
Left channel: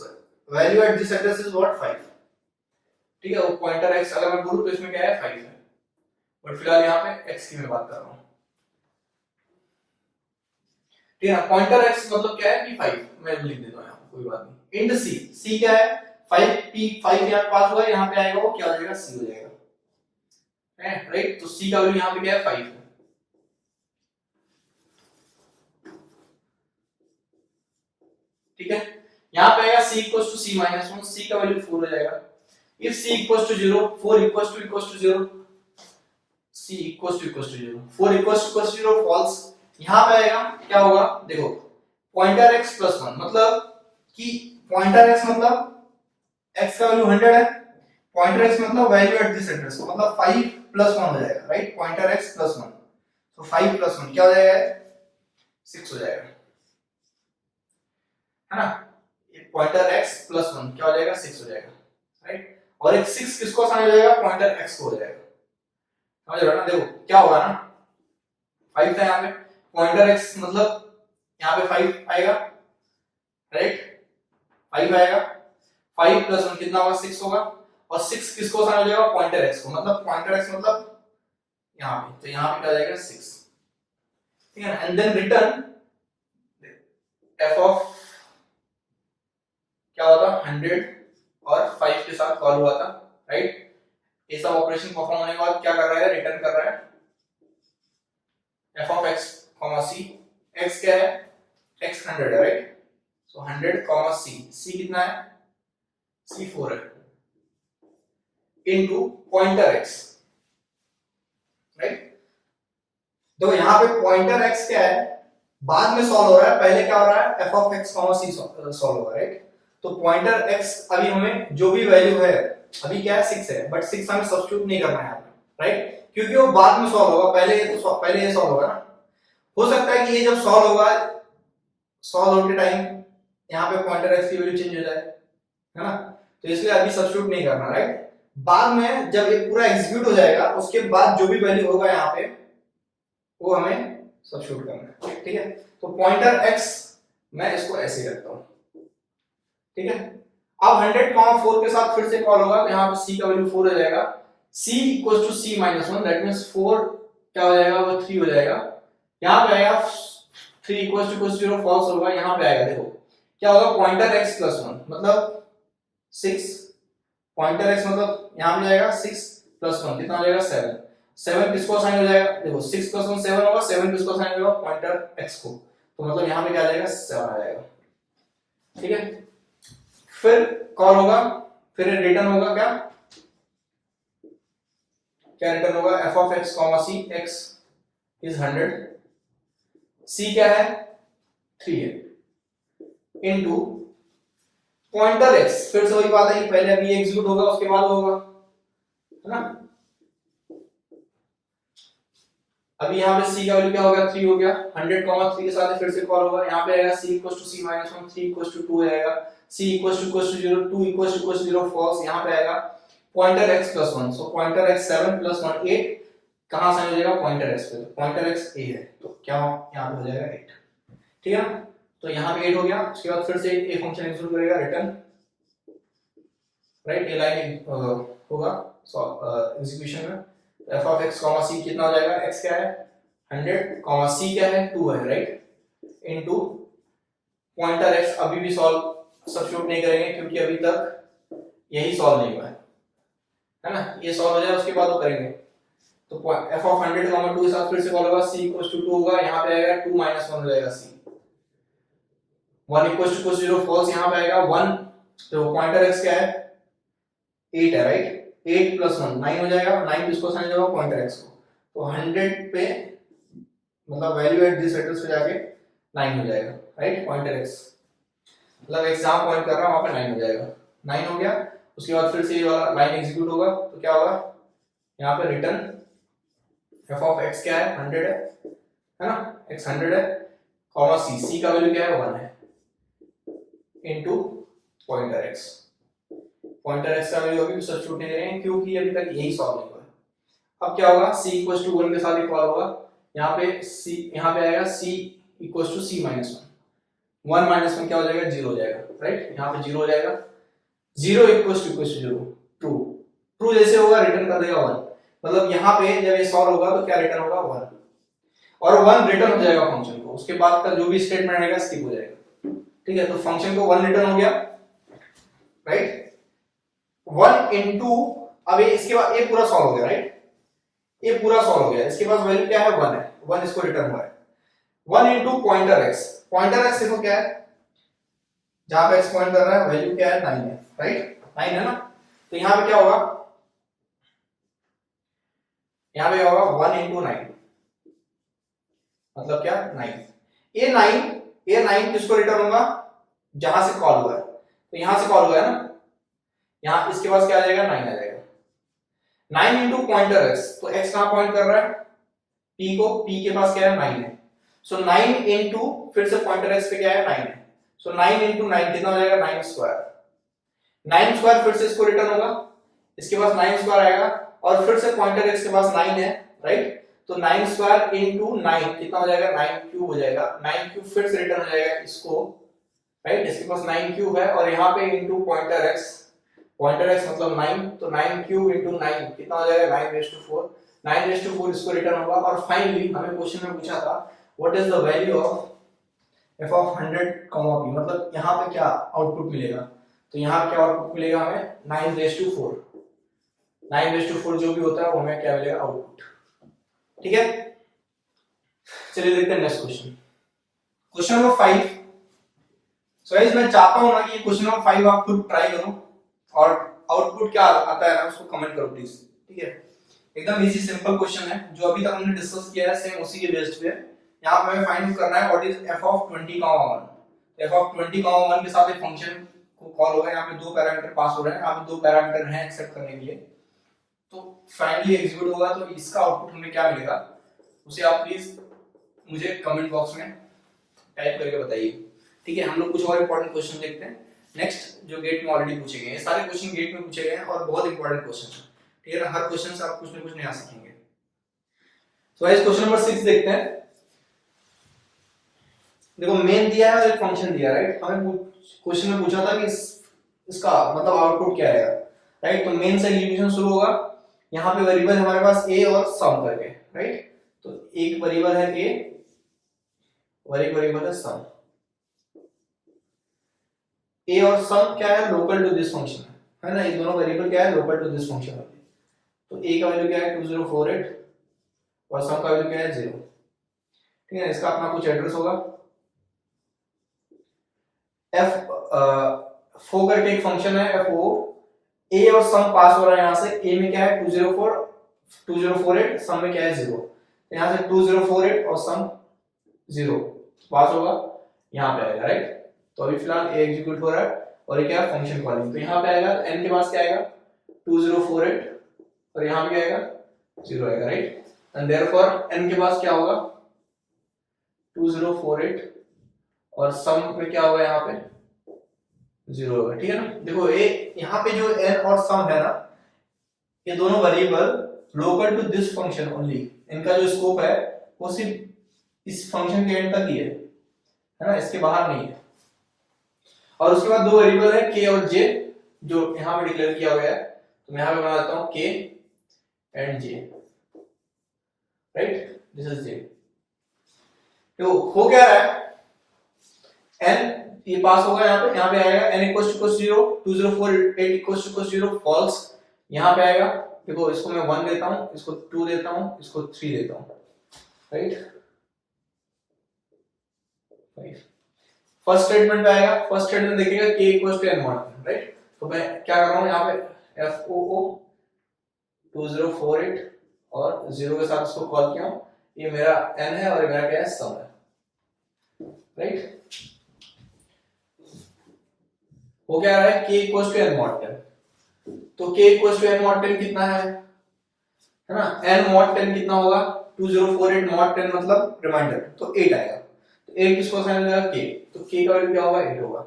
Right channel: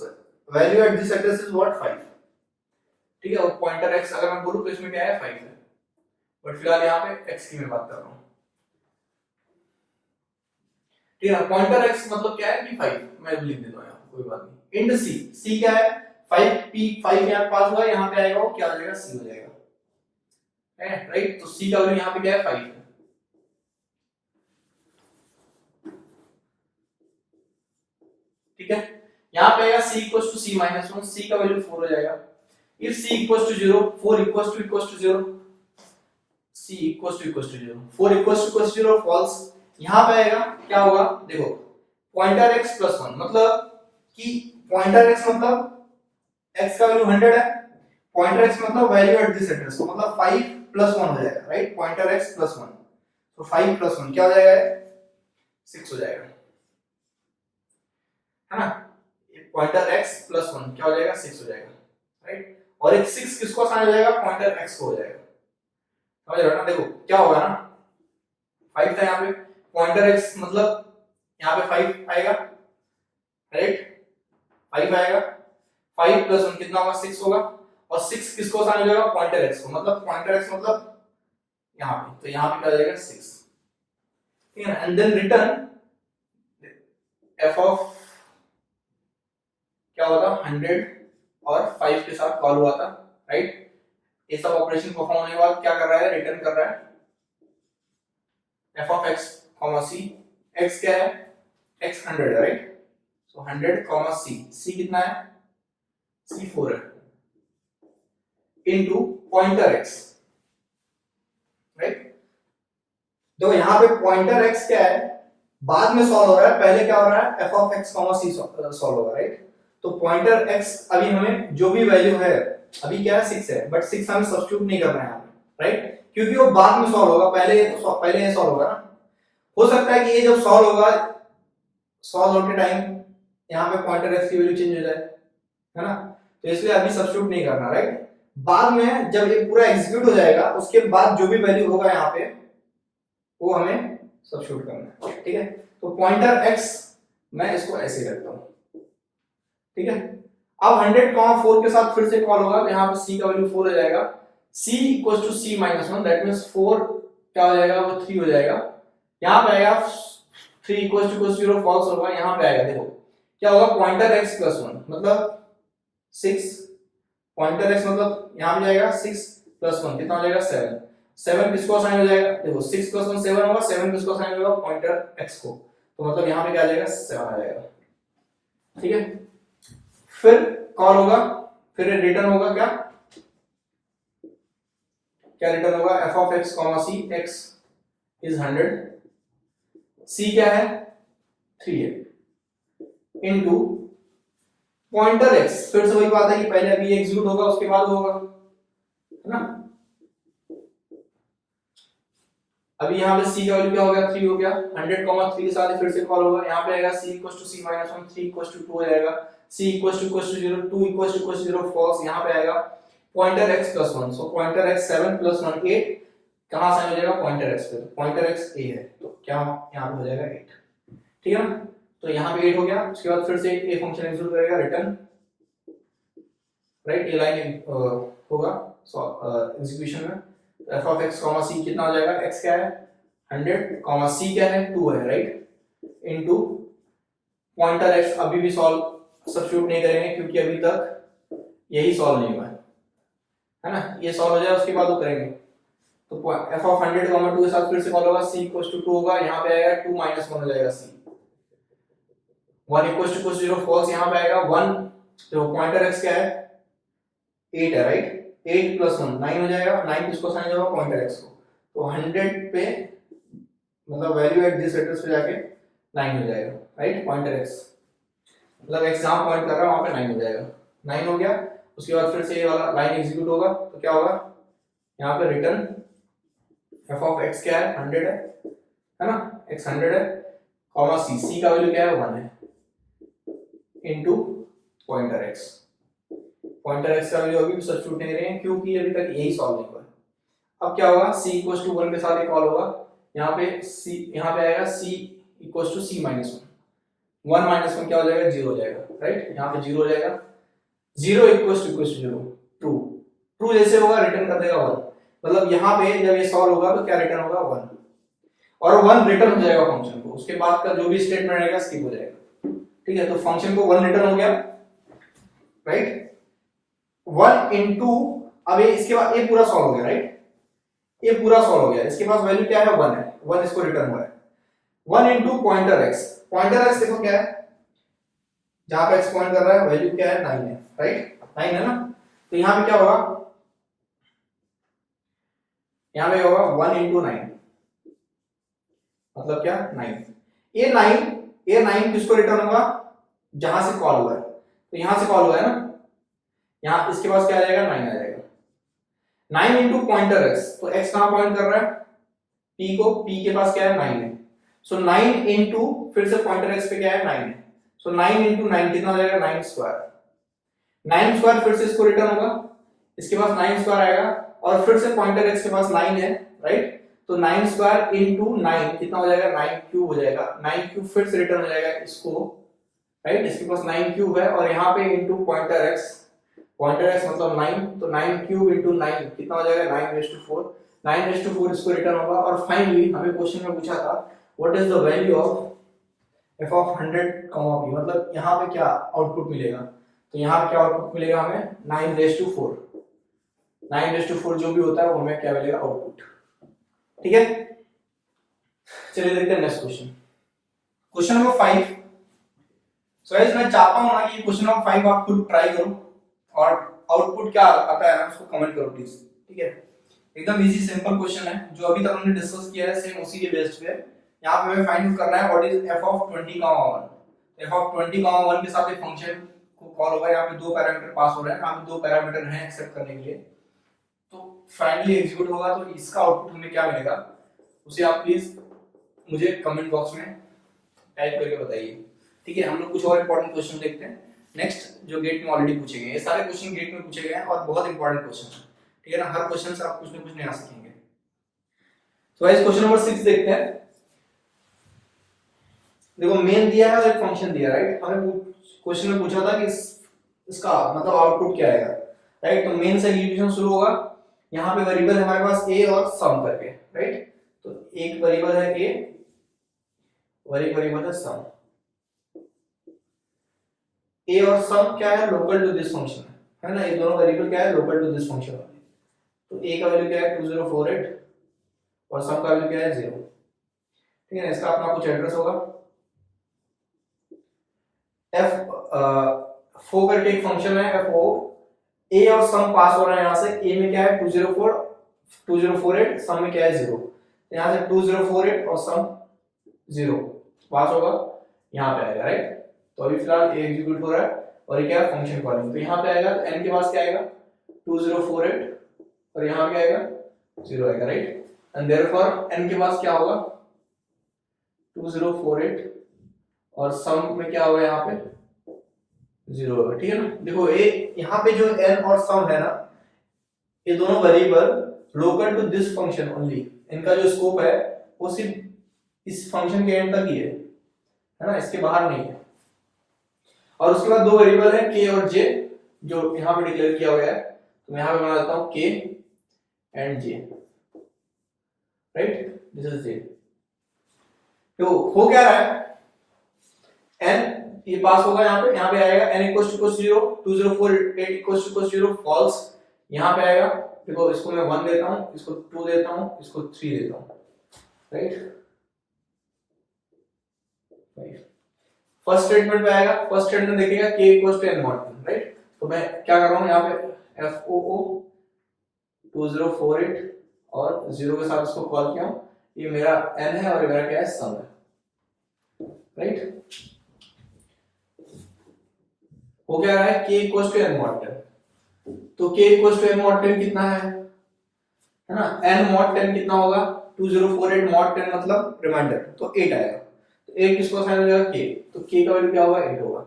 value at this address is what 5, ठीक है? वो पॉइंटर एक्स अगर मैं बोलूं तो इसमें क्या है 5 है, बट फिलहाल यहाँ पे एक्स की मैं बात कर रहा हूँ, ठीक है ना? पॉइंटर एक्स मतलब क्या है कि 5, मैं लिख देता हूँ यहाँ, कोई बात नहीं। इंड सी, सी क्या है 5, पी 5 यहाँ पास हुआ है, यहाँ पे आएगा वो क्या हो जाएगा सी हो जाएगा, राइट? तो सी का वैल्यू यहाँ पे क्या है 5 है, ठीक है? यहाँ पे आएगा c equals to c minus 1, c का वैल्यू 4 हो जाएगा। If c equals to 0, 4 equals to 0, c equals to 0, 4 equals to 0 false. यहाँ पे आएगा क्या होगा, देखो पॉइंटर x प्लस 1 मतलब कि पॉइंटर x मतलब x का वैल्यू 100 है, पॉइंटर x मतलब वैल्यू एट दिस एड्रेस, तो मतलब 5 प्लस 1 हो जाएगा, राइट? पॉइंटर x प्लस 1, तो 5 प्लस 1 क्या हो जाएगा 6 हो जाएगा, है ना? पॉइंटर x प्लस 1 क्या हो जाएगा 6 हो जाएगा, राइट? और एक 6 किसको साइन हो जाएगा, पॉइंटर x को हो जाएगा, समझ रहे हो ना? देखो क्या होगा ना, 5 था यहाँ पे, पॉइंटर x मतलब यहाँ पे 5 आएगा, राइट? 5 आएगा, 5 प्लस 1 कितना होगा 6 होगा, और 6 किसको साइन हो जाएगा, पॉइंटर x को, मतलब पॉइंटर x मतलब यहाँ पे, तो यहाँ पे क्या हो जाएगा 6, ठीक है ना? And then return f of क्या होता 100 और 5 के साथ कॉल हुआ था, राइट? ये सब ऑपरेशन परफॉर्म होने के बाद क्या कर रहा है, रिटर्न कर रहा है f of x, c, x क्या है x 100 है, राइट? सो 100, c कितना है c 4 है, इनटू पॉइंटर x, राइट? तो यहाँ पे पॉइंटर x क्या है, बाद में सॉल्व हो रहा है, पहले क्या हो रहा है f of x, c solve हो रहा है, राइट? तो पॉइंटर x अभी हमें जो भी वैल्यू है, अभी क्या है 6 है, बट 6 हमें सब्स्टिट्यूट नहीं करना है यहाँ पे, राइट? क्योंकि वो बाद में सॉल्व होगा, पहले ये सॉल्व होगा ना। हो सकता है कि ये जब सॉल्व होगा, सॉल्व होने के टाइम यहाँ पे पॉइंटर x की वैल्यू चेंज हो जाए, है ना? तो इसलिए अभी सब्स्टिट्यूट नहीं करना, राइट? बाद में जब ये पूरा एग्जीक्यूट हो जाएगा, उसके बाद जो भी वैल्यू होगा यहाँ पे वो हमें सब्स्टिट्यूट करना है, ठीक है? तो पॉइंटर x मैं इसको ऐसे रखता हूँ, ठीक है? अब 100, 4 के साथ फिर से कॉल होगा, तो यहाँ पे c का वैल्यू 4 हो जाएगा, c equals to c minus 1, that means 4 क्या हो जाएगा, वो 3 हो जाएगा। यहाँ पे आएगा 3 इक्वल्स टू 0 फॉल्स होगा, यहाँ पे आएगा देखो क्या होगा, पॉइंटर x प्लस 1 मतलब 6, पॉइंटर x मतलब यहाँ पे जाएगा 6 प्लस 1 कितना हो जाएगा 7, 7 किसको साइन हो जाएगा, देखो 6 प्लस 1 7 होगा, 7 किसको साइन होगा, पॉइंटर x को, तो मतलब यहाँ पे क्या आ जाएगा 7 आ जाएगा, ठीक है? फिर कॉल होगा, फिर रिटर्न होगा, क्या क्या रिटर्न होगा, f of x, c, x is 100, c क्या है 3 है, इनटू पॉइंटर x, फिर से वही बात है कि पहले अभी एग्जीक्यूट होगा उसके बाद होगा, है ना? अभी यहाँ पे c का वैल्यू क्या हो गया 3 हो गया, 100, 3 के साथ फिर से कॉल होगा, यहाँ पे आएगा c equals to c minus 1, 3 equals to 2 हो जाएगा, c equals to 0, 2 equals to 0 false, यहाँ पे आएगा pointer x plus 1, so pointer x 7 plus 1 8, कहां से हो जाएगा पॉइंटर x पे, पॉइंटर x a है, तो क्या यहाँ पे हो जाएगा 8, ठीक है ना? तो यहाँ पे 8 हो गया, उसके बाद फिर से a फंक्शन एग्जीक्यूट करेगा, रिटर्न, राइट? ये लाइन होगा एग्जीक्यूशन में, f of x, c कितना हो जाएगा, x क्या है 100, c क्या है 2 है, राइट? इनटू पॉइंटर x, अभी भी सॉल्व सब्स्टिट्यूट नहीं करेंगे क्योंकि अभी तक यही सॉल्व नहीं हुआ है ना? ये सॉल्व हो जाए उसके बाद वो करेंगे, तो f of 100, 2 के साथ फिर से कॉल होगा, c इक्वल्स टू 2 होगा, यहाँ पे आएगा 2 माइनस 1 हो जाएगा c, 1 इक्वल्स टू 0 फॉल्स, यहाँ पे आएगा 1, तो पॉइंटर x क्या है 8 है, राइट? 8 प्लस 1 9 हो जाएगा, 9 किसको साइन होगा, पॉइंटर x को, तो 100 पे मतलब वैल्यू एट दिस एड्रेस पे जाके 9 हो जाएगा, राइट? पॉइंटर x मतलब x जहां पॉइंट कर रहा है वहां पे 9 हो जाएगा, 9 हो गया, उसके बाद फिर से ये वाला लाइन एग्जीक्यूट होगा, तो क्या होगा यहाँ पे रिटर्न f of x क्या है 100 है ना, x 100 है, c का वैल्यू क्या है 1 है, into pointer x, pointer x का वैल्यू अभी भी सब्स्टिट्यूट नहीं करेंगे क्योंकि अभी तक यही सॉल्व नहीं हुआ है। अब क्या होगा, c 1 के साथ एक कॉल होगा, यहाँ पे c, यहाँ पे आएगा c equals to c minus 1, 1 minus 1 क्या हो जाएगा, 0 हो जाएगा, राइट, यहाँ पे 0 हो जाएगा, 0 इक्वल्स टू 0, ट्रू, ट्रू जैसे होगा रिटर्न कर देगा 1, मतलब यहाँ पे जब ये सॉल्व होगा तो क्या रिटर्न होगा 1, और 1 रिटर्न हो जाएगा फंक्शन को, उसके बाद का जो भी स्टेटमेंट आएगा स्किप हो जाएगा, ठीक है, तो फंक्शन को 1 रिटर्न हो गया, राइट, 1 इनटू, अब ये इसके बाद ये पूरा सॉल्व हो गया, राइट, ये पूरा सॉल्व हो गया, इसके पास वैल्यू क्या है 1 है, 1 इसको रिटर्न हुआ है, 1 into pointer x, pointer x देखो क्या है, जहां पे x पॉइंट कर रहा है वैल्यू क्या है 9 है, राइट, 9 है ना, तो यहां पे क्या होगा, यहां पे होगा 1 इनटू 9, मतलब क्या 9, ये 9 किसको रिटर्न होगा, जहां से कॉल हुआ है, तो यहां से कॉल हुआ है ना, यहां इसके पास क्या आ जाएगा 9 आ जाएगा, 9 इनटू पॉइंटर x, तो x कहां पॉइंट कर रहा है, p को, p के पास क्या है 9 है, सो 9 इनटू फिर से पॉइंटर x पे क्या है 9 है, सो 9 इनटू 9 कितना हो जाएगा 9 स्क्वायर, 9 स्क्वायर फिर से इसको रिटर्न होगा, इसके पास 9 स्क्वायर आएगा, और फिर से पॉइंटर x के पास 9 है, राइट, तो 9 स्क्वायर इनटू 9 कितना हो जाएगा 9 क्यूब हो जाएगा, 9 क्यूब फिर से रिटर्न हो जाएगा इसको, राइट, इसके पास 9 क्यूब है, और यहाँ पे इनटू पॉइंटर x मतलब 9, तो 9 क्यूब इनटू 9 कितना हो जाएगा 9 रेज़ टू 4, 9 रेज़ टू 4 इसको रिटर्न होगा, और फाइनली हमें क्वेश्चन में पूछा था what is the value of f of 100, p, मतलब यहाँ पे क्या आउटपुट मिलेगा, तो यहाँ पे क्या आउटपुट मिलेगा हमें 9 रेज़ टू 4, 9 रेज़ टू 4 जो भी होता है वो हमें क्या मिलेगा आउटपुट, ठीक है, चलिए देखते हैं next question, question number 5। So guys मैं चाहता हूं ना कि क्वेश्चन नंबर 5 आप खुद ट्राई करो, और आउटपुट क्या आता है ना उसको कमेंट करो प्लीज, ठीक है, एकदम इजी सिंपल क्वेश्चन है, जो अभी तक हमने डिस्कस किया है सेम उसी के बेस्ड पे, यहाँ पे हमें फाइंड आउट करना है what is f of 20, 1, f of 20, 1 के साथ एक फंक्शन को कॉल होगा, यहाँ पे दो पैरामीटर पास हो रहे हैं, यहाँ पे दो पैरामीटर हैं एक्सेप्ट करने के लिए, तो फाइनली एग्जीक्यूट होगा, तो इसका आउटपुट हमें क्या मिलेगा उसे आप प्लीज मुझे कमेंट बॉक्स में टाइप करके बताइए, ठीक है, हम लोग कुछ और इंपॉर्टेंट क्वेश्चन देखते हैं नेक्स्ट, जो गेट में ऑलरेडी पूछे गए हैं, सारे क्वेश्चन गेट में पूछे गए हैं और बहुत इंपॉर्टेंट क्वेश्चन है, ठीक है ना, हर क्वेश्चन से आप कुछ ना कुछ नया सीखेंगे। तो गाइस क्वेश्चन नंबर 6 देखते हैं, देखो मेन दिया है और एक फंक्शन दिया, राइट, हमें क्वेश्चन में पूछा था कि इसका मतलब आउटपुट क्या आएगा, राइट, तो मेन से एग्जीक्यूशन शुरू होगा, यहाँ पे वेरिएबल है हमारे पास a और सम करके, राइट, तो एक वेरिएबल है a और एक वेरिएबल है सम, a और सम क्या है लोकल टू दिस फंक्शन है ना, ये दोनों वेरिएबल क्या है लोकल टू दिस फंक्शन वाले, तो a का वैल्यू क्या है 2048 और सम का वैल्यू क्या है 0, ठीक है, इसका अपना कुछ एड्रेस होगा, f फो करके एक फंक्शन है fo, a और सम पास हो रहा है, यहाँ से a में क्या है 2048, सम में क्या है 0, यहाँ से 2048 और सम 0 पास होगा, यहाँ पे आएगा, राइट, तो अभी फिलहाल a एग्जीक्यूट हो रहा है और ये क्या है फंक्शन कॉलिंग, तो यहाँ पे आएगा n के पास क्या आएगा 2048 और यहाँ पे क्या आएगा 0 आएगा, राइट, एंड देयरफॉर n के पास क्या होगा 2048 और सम में क्या होगा यहाँ पे 0 होगा, ठीक है ना, देखो ये यहाँ पे जो n और सम है ना, ये दोनों variable local to this function only, इनका जो स्कोप है वो सिर्फ इस फंक्शन के एंड तक ही है ना, इसके बाहर नहीं है, और उसके बाद दो वेरिएबल है k और j जो यहाँ पे डिक्लेयर किया हुआ है, तो मैं यहाँ पे बना देता हूँ k and j, right, this is j, तो हो क्या रहा है n ये पास होगा, यहाँ पे आएगा n equals to 0, 2048 equals to 0 false, यहाँ पे आएगा, देखो इसको मैं 1 देता हूँ, इसको 2 देता हूँ, इसको 3 देता हूँ, राइट, फर्स्ट स्टेटमेंट पे आएगा, फर्स्ट स्टेटमेंट देखिएगा k equals to n mod, right, तो मैं क्या कर रहा हूँ यहाँ पे foo 2048 और 0 के साथ इसको कॉल किया हूँ, ये मेरा n है और ये मेरा क्या है सम है, राइट, हो क्या रहा है k equals to n mod 10, तो k equals to n mod 10 कितना है ना, n mod 10 कितना होगा 2048 mod 10 मतलब रिमाइंडर, तो 8 आएगा, तो 8 किसको असाइन हो जाएगा k, तो k का वैल्यू क्या होगा 8 होगा,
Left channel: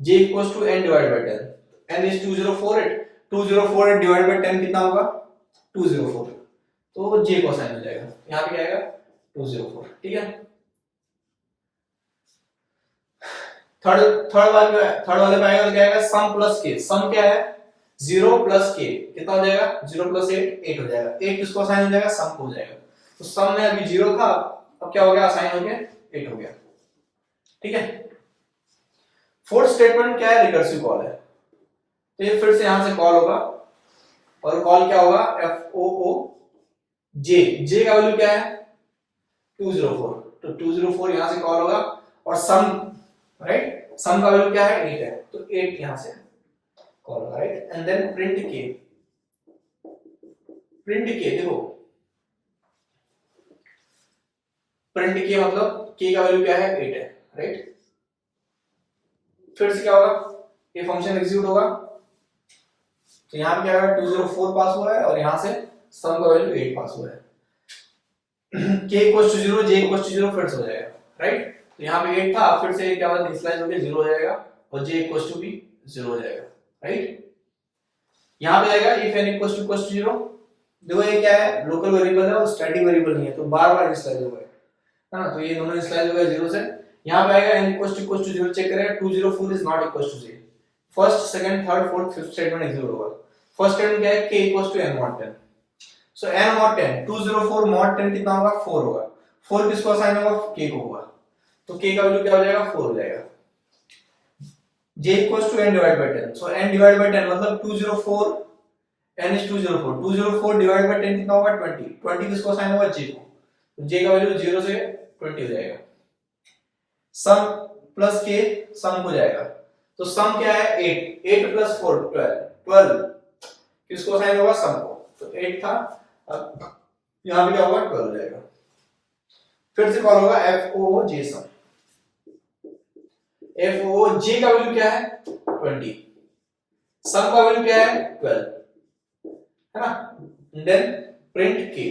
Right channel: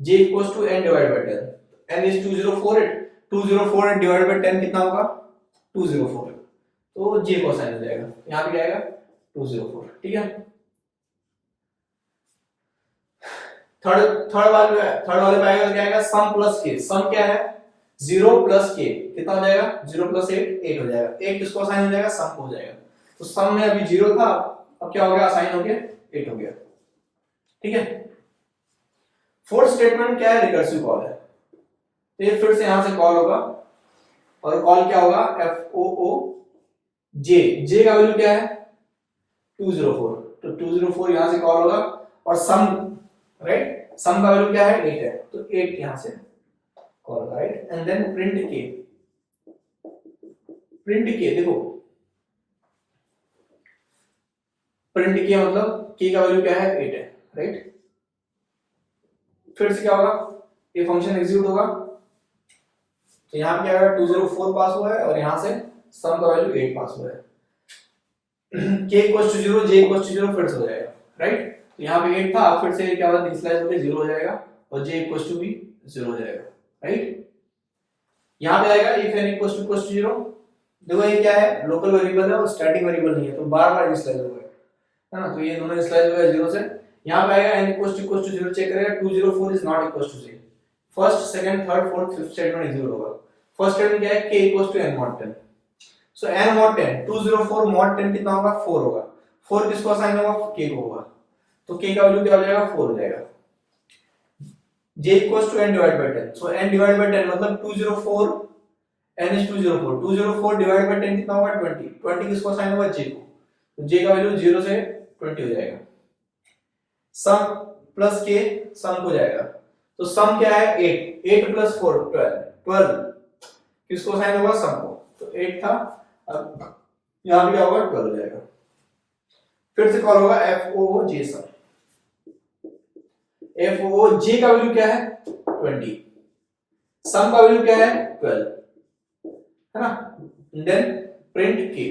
j equals to n divided by 10, n is 2048 divided by 10 कितना होगा 204, तो j को असाइन हो जाएगा, यहाँ पे क्या आएगा 204, ठीक है, थर्ड वाले पे आएगा तो क्या आएगा, सम प्लस के, सम क्या है 0 प्लस के, कितना हो जाएगा 0 प्लस 8 8 हो जाएगा, 8 किसको असाइन हो जाएगा, सम को हो जाएगा। तो सम में अभी 0 था, अब क्या हो गया, असाइन हो गया 8 हो गया। ठीक है। फोर्थ स्टेटमेंट क्या है, रिकर्सिव कॉल है, तो ये फिर से यहां से कॉल होगा और कॉल क्या होगा, एफ ओ ओ जे, जे का वैल्यू क्या है 204, तो 204 यहां से कॉल होगा और सम, राइट, सम का वैल्यू क्या है 8 है, तो 8 यहां से कॉल होगा, राइट। एंड देन प्रिंट के, प्रिंट के देखो, प्रिंट के मतलब के का वैल्यू क्या है 8 है, राइट। फिर से क्या होगा, ये फंक्शन एग्जीक्यूट होगा, तो यहां पे क्या होगा 204 पास हुआ है और यहां से सम का वैल्यू 8 पास हुआ है। k equals to 0, j equals to 0 फिर से हो जाएगा, राइट। तो यहां पे 8 था, फिर से क्या होगा, इनिशियलाइज होकर 0 हो जाएगा और j इक्वल्स टू भी 0 हो जाएगा, राइट। यहां पे आएगा if n इक्वल्स टू 0, देखो ये क्या है, लोकल वेरिएबल है और स्टैटिक वेरिएबल नहीं है, तो बार-बार इनिशियलाइज होगा, है ना। तो ये दोनों इनिशियलाइज हो गए 0 से। यहां पे आएगा n इक्वल्स टू 0, चेक करेगा 204 is not equals to j, first second third fourth fifth statement execute होगा। फर्स्ट स्टेटमेंट क्या है, k equals to n mod 10, so n mod 10, 204 mod 10 कितना होगा 4 होगा, 4 किसको असाइन होगा, k को होगा, तो k का वैल्यू क्या हो जाएगा 4 हो जाएगा। j equals to n divide by 10, so n divide by 10 मतलब 204, n इज 204, 204 डिवाइड बाय 10 कितना होगा 20, 20 किसको असाइन होगा j को, तो j का वैल्यू 0 से 20 हो जाएगा। सम प्लस k सम हो जाएगा, तो सम क्या है 8, 8 प्लस 4 12, 12 किसको असाइन होगा सम को, तो 8 था, अब यहां पे क्या होगा 12 हो जाएगा। फिर से कॉल होगा एफ ओ जे सम, एफ ओ जे का वैल्यू क्या है 20, सम का वैल्यू क्या है 12, है ना। देन प्रिंट के,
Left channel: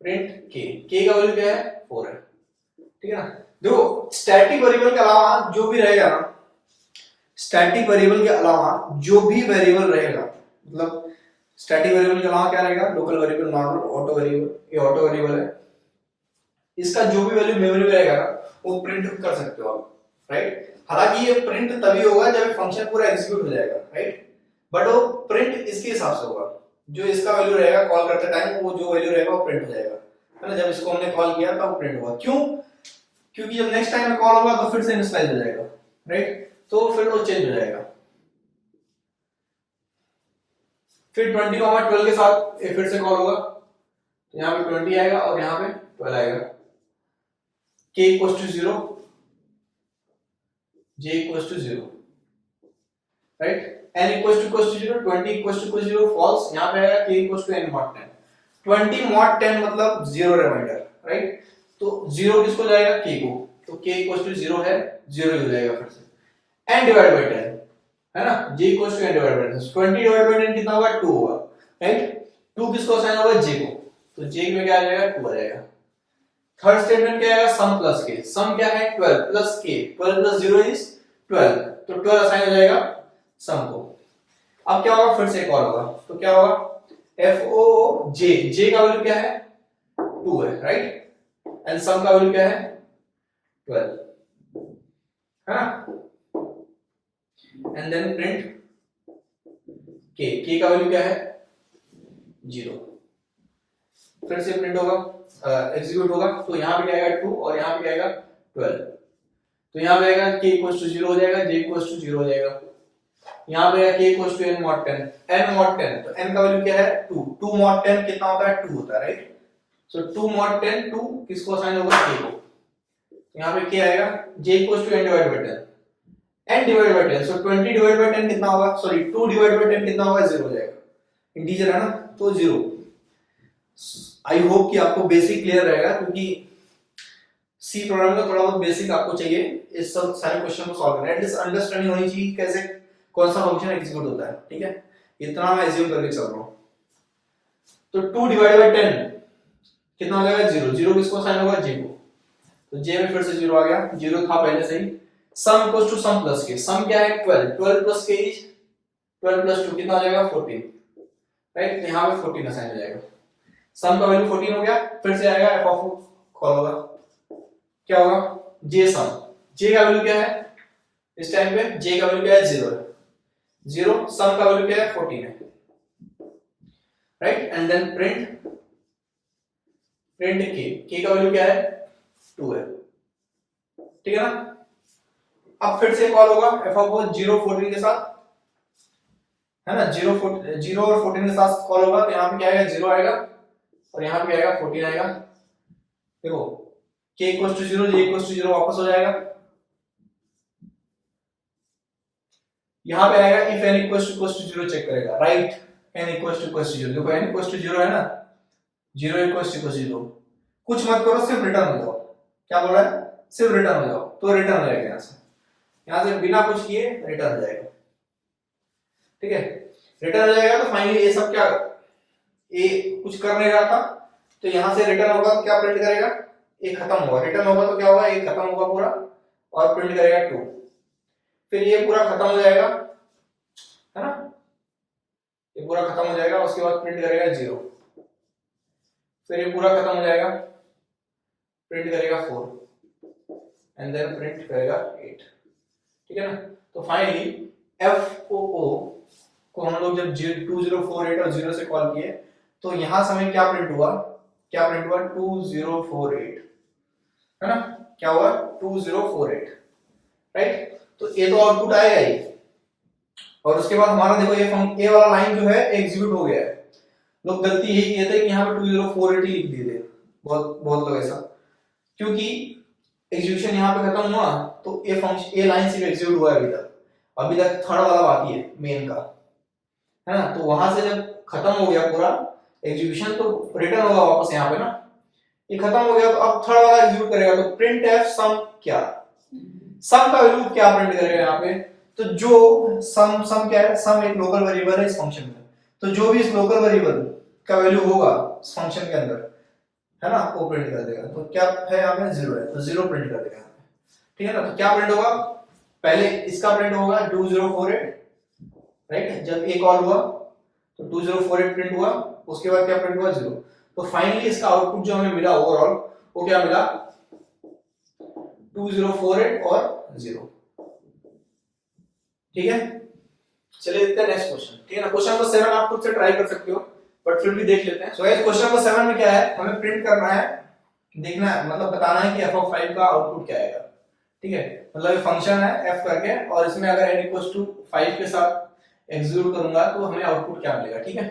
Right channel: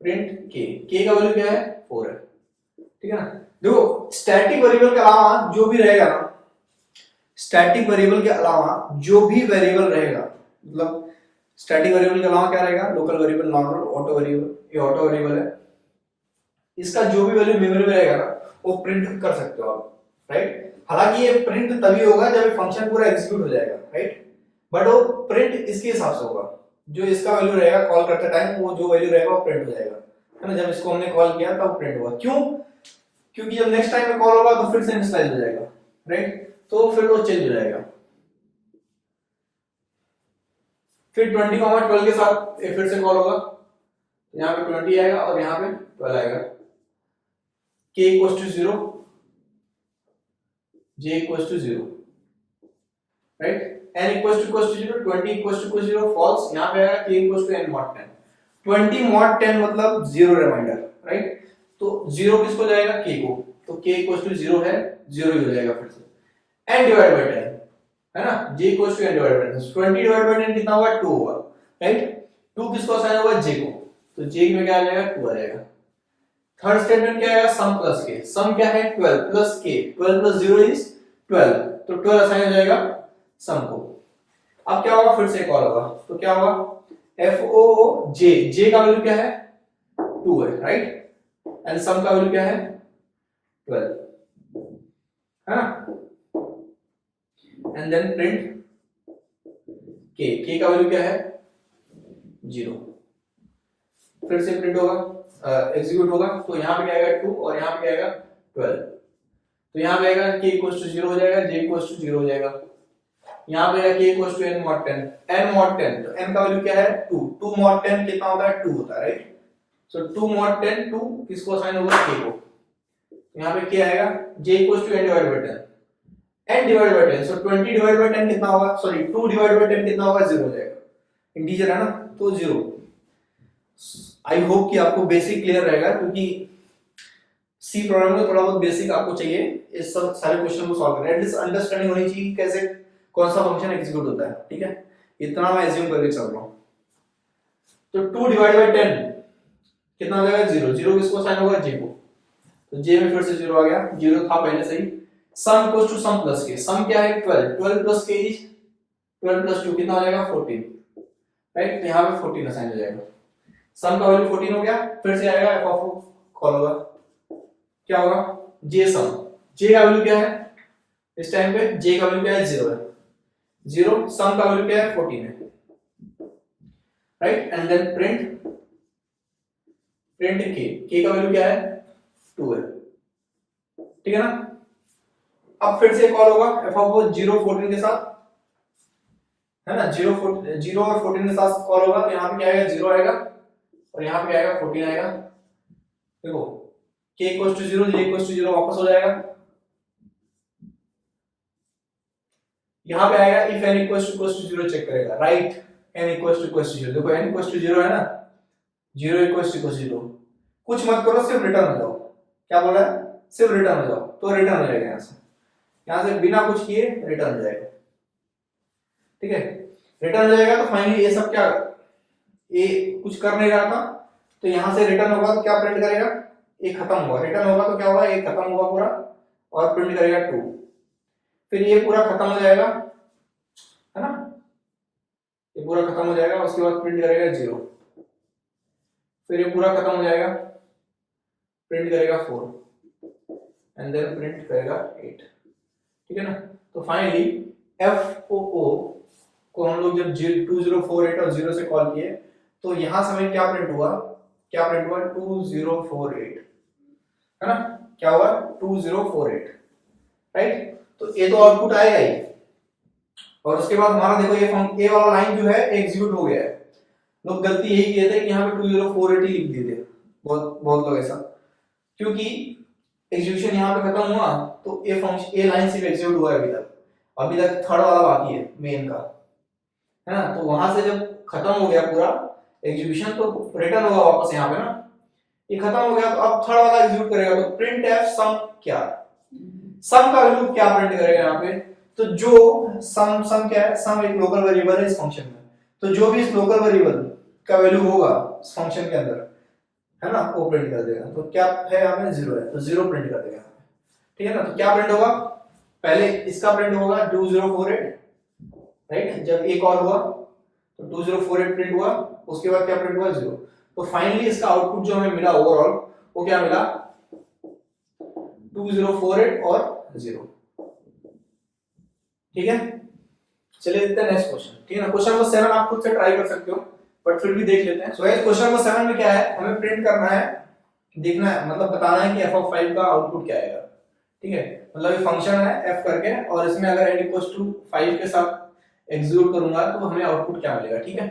प्रिंट के का वैल्यू क्या है 4 है, ठीक है ना। देखो स्टैटिक वेरिएबल के अलावा जो भी रहेगा ना, स्टैटिक वेरिएबल के अलावा जो भी वेरिएबल रहेगा, मतलब स्टैटिक वेरिएबल के अलावा क्या रहेगा, local variable, normal, auto variable, ये ऑटो वेरिएबल है, इसका जो भी वैल्यू मेमोरी में रहेगा ना वो प्रिंट कर सकते हो आप, राइट। हालांकि ये प्रिंट तभी होगा जब फंक्शन पूरा एग्जीक्यूट हो जाएगा, राइट, बट वो प्रिंट इसके हिसाब से होगा, जो इसका वैल्यू रहेगा कॉल करते टाइम, वो जो वैल्यू रहेगा वो प्रिंट हो जाएगा, है ना। जब इसको हमने कॉल किया तब प्रिंट हुआ, क्यों, क्योंकि जब नेक्स्ट टाइम में कॉल होगा तो फिर से इनिशियलाइज हो जाएगा, राइट, तो फिर वो चेंज हो जाएगा। फिर 20, 12 के साथ ये फिर से कॉल होगा, तो यहाँ पे 20 आएगा और यहाँ पे 12 आएगा, k equals to 0, j equals to 0, right, n equals to 0, 20 equals to 0 false, यहाँ पे आएगा k equals to n mod 10, 20 mod 10 मतलब 0 रिमाइंडर, राइट, तो 0 किसको जाएगा k को, तो k इक्वल्स टू 0 है, 0 हो जाएगा फिर से, n डिवाइड बाय 10, है ना, j equals to n divide by 10, 20 divide by 10 कितना होगा 2 होगा, राइट, 2 किसको असाइन होगा j को, तो j में क्या आ जाएगा 2 आ जाएगा। थर्ड स्टेटमेंट क्या आएगा, सम प्लस के, सम क्या है 12 प्लस k, 12 प्लस 0 इज 12, तो 12 असाइन हो जाएगा सम को। अब क्या होगा, फिर से कॉल होगा, तो क्या होगा एफ ओ जे, जे का वैल्यू क्या है 2 है, राइट, एंड सम का वैल्यू क्या है 12, है ना। एंड देन प्रिंट के का वैल्यू क्या है 0, फिर से प्रिंट होगा, एग्जीक्यूट होगा, तो यहाँ पे क्या आएगा 2 और यहाँ पे क्या आएगा 12, तो यहाँ पे आएगा k इक्वल्स टू 0 हो जाएगा, j इक्वल्स टू 0 हो जाएगा, यहाँ पे आएगा k equals to n mod 10, n mod 10, तो n का वैल्यू क्या है 2, 2 mod 10 कितना होता है 2 होता है, राइट, सो 2 mod 10 2 किसको असाइन होगा k को, यहाँ पे k आएगा, j equals to n divide by 10, n divide by 10, so 20 divide by 10 कितना होगा, सॉरी 2 डिवाइड बाय 10 कितना होगा 0 हो जाएगा, इंटीजर है ना, तो 0। आई होप कि आपको बेसिक क्लियर रहेगा, क्योंकि सी प्रोग्रामिंग में थोड़ा बहुत बेसिक आपको चाहिए इस सब सारे क्वेश्चन को सॉल्व करने, एटलीस्ट अंडरस्टैंडिंग होनी चाहिए कैसे कौन सा फंक्शन एग्जीक्यूट होता है, ठीक है, इतना मैं एज्यूम करके चल रहा हूं। तो 2 डिवाइड बाय 10 कितना हो जाएगा 0, 0 किसको साइन होगा j को, तो j में फिर से 0 आ गया, 0 था पहले से ही। Sum equals to sum plus K, sum क्या है 12, 12 प्लस k इज 12 प्लस 2 कितना हो जाएगा 14, राइट, तो यहां पे 14 असाइन हो जाएगा, सम का वैल्यू 14 हो गया, फिर से आएगा f ऑफ कॉल होगा, क्या होगा j सम, जे का वैल्यू क्या है इस टाइम पे, जे का वैल्यू क्या है 0 है, 0, सम का वैल्यू क्या है 14 है, राइट, एंड देन प्रिंट के का वैल्यू क्या है 2 है, ठीक है ना। अब फिर से कॉल होगा एफ ऑफ 0 14 के साथ, है ना, 0 और 14 के साथ कॉल होगा, तो यहाँ पे क्या आएगा 0 आएगा और यहाँ पे क्या आएगा 14 आएगा। देखो k equal to 0, j equal to 0 वापस हो जाएगा, यहाँ पे आएगा if n equal to 0 check करेगा, राइट, n इक्वल टू 0, देखो n इक्वल टू 0 है ना, 0 इक्वल टू 0, कुछ मत करो, सिर्फ रिटर्न हो जाओ, क्या बोल रहा है, सिर्फ रिटर्न हो जाओ, तो रिटर्न हो जाएगा, यहाँ से बिना कुछ किए रिटर्न हो जाएगा, ठीक है, रिटर्न हो जाएगा। तो फाइनली ये सब क्या, ये कुछ कर नहीं रहा था, तो यहाँ से रिटर्न होगा तो क्या प्रिंट करेगा, ये खत्म होगा, रिटर्न होगा तो क्या होगा, ये खत्म होगा पूरा और प्रिंट करेगा 2, फिर ये पूरा खत्म हो जाएगा, है ना, ये पूरा खत्म हो जाएगा, उसके बाद प्रिंट करेगा 0, फिर ये पूरा खत्म हो जाएगा, प्रिंट करेगा 4 एंड देन प्रिंट करेगा 8, ठीक है ना। तो फाइनली एफ को हम लोग जब 2048 और 0 से कॉल किए तो यहां से हमें क्या प्रिंट हुआ, 2048, है ना, क्या हुआ 2048, राइट, तो ये तो आउटपुट आएगा ही, और उसके बाद हमारा देखो ये वाला लाइन जो है एग्जीक्यूट हो गया है। लोग गलती यही किए थे कि यहाँ पे 2048 लिख दिए थे, बहुत लोग ऐसा, क्योंकि एग्जीक्यूशन यहाँ पे खत्म हुआ तो ये फंक्शन, ये लाइन सिर्फ एग्जीक्यूट हुआ है अभी तक थर्ड वाला बाकी है मेन का, है ना, तो वहां से जब खत्म हो गया पूरा एग्जीक्यूशन तो रिटर्न होगा वापस यहाँ पे ना, ये खत्म हो गया, तो अब थर्ड वाला एग्जीक्यूट करेगा, तो प्रिंट एफ सम, क्या सम का वैल्यू क्या प्रिंट करेगा यहाँ पे, तो जो सम क्या है, सम एक लोकल वेरिएबल है इस फंक्शन में, तो जो भी इस लोकल वेरिएबल का वैल्यू होगा इस फंक्शन के अंदर, है ना, वो प्रिंट कर देगा, तो क्या है यहाँ पे 0 है, तो 0 प्रिंट कर देगा, ठीक है ना। तो क्या प्रिंट होगा, पहले इसका प्रिंट होगा 2048, राइट, जब एक कॉल हुआ तो 2048 प्रिंट हुआ, उसके बाद क्या प्रिंट हुआ 0, तो फाइनली इसका आउटपुट जो हमें मिला ओवरऑल वो क्या मिला 2048 और 0, ठीक है। चलिए देखते हैं नेक्स्ट क्वेश्चन, ठीक है ना। क्वेश्चन नंबर 7 आप खुद से ट्राई कर सकते हो, बट फिर भी देख लेते हैं। सो क्वेश्चन नंबर 7 में क्या है, हमें प्रिंट करना है, देखना है, मतलब बताना है कि f(5) का आउटपुट क्या आएगा, ठीक है, मतलब ये फंक्शन है f करके, और इसमें अगर n = 5 के साथ एग्जीक्यूट करूंगा तो हमें आउटपुट क्या मिलेगा, ठीक है।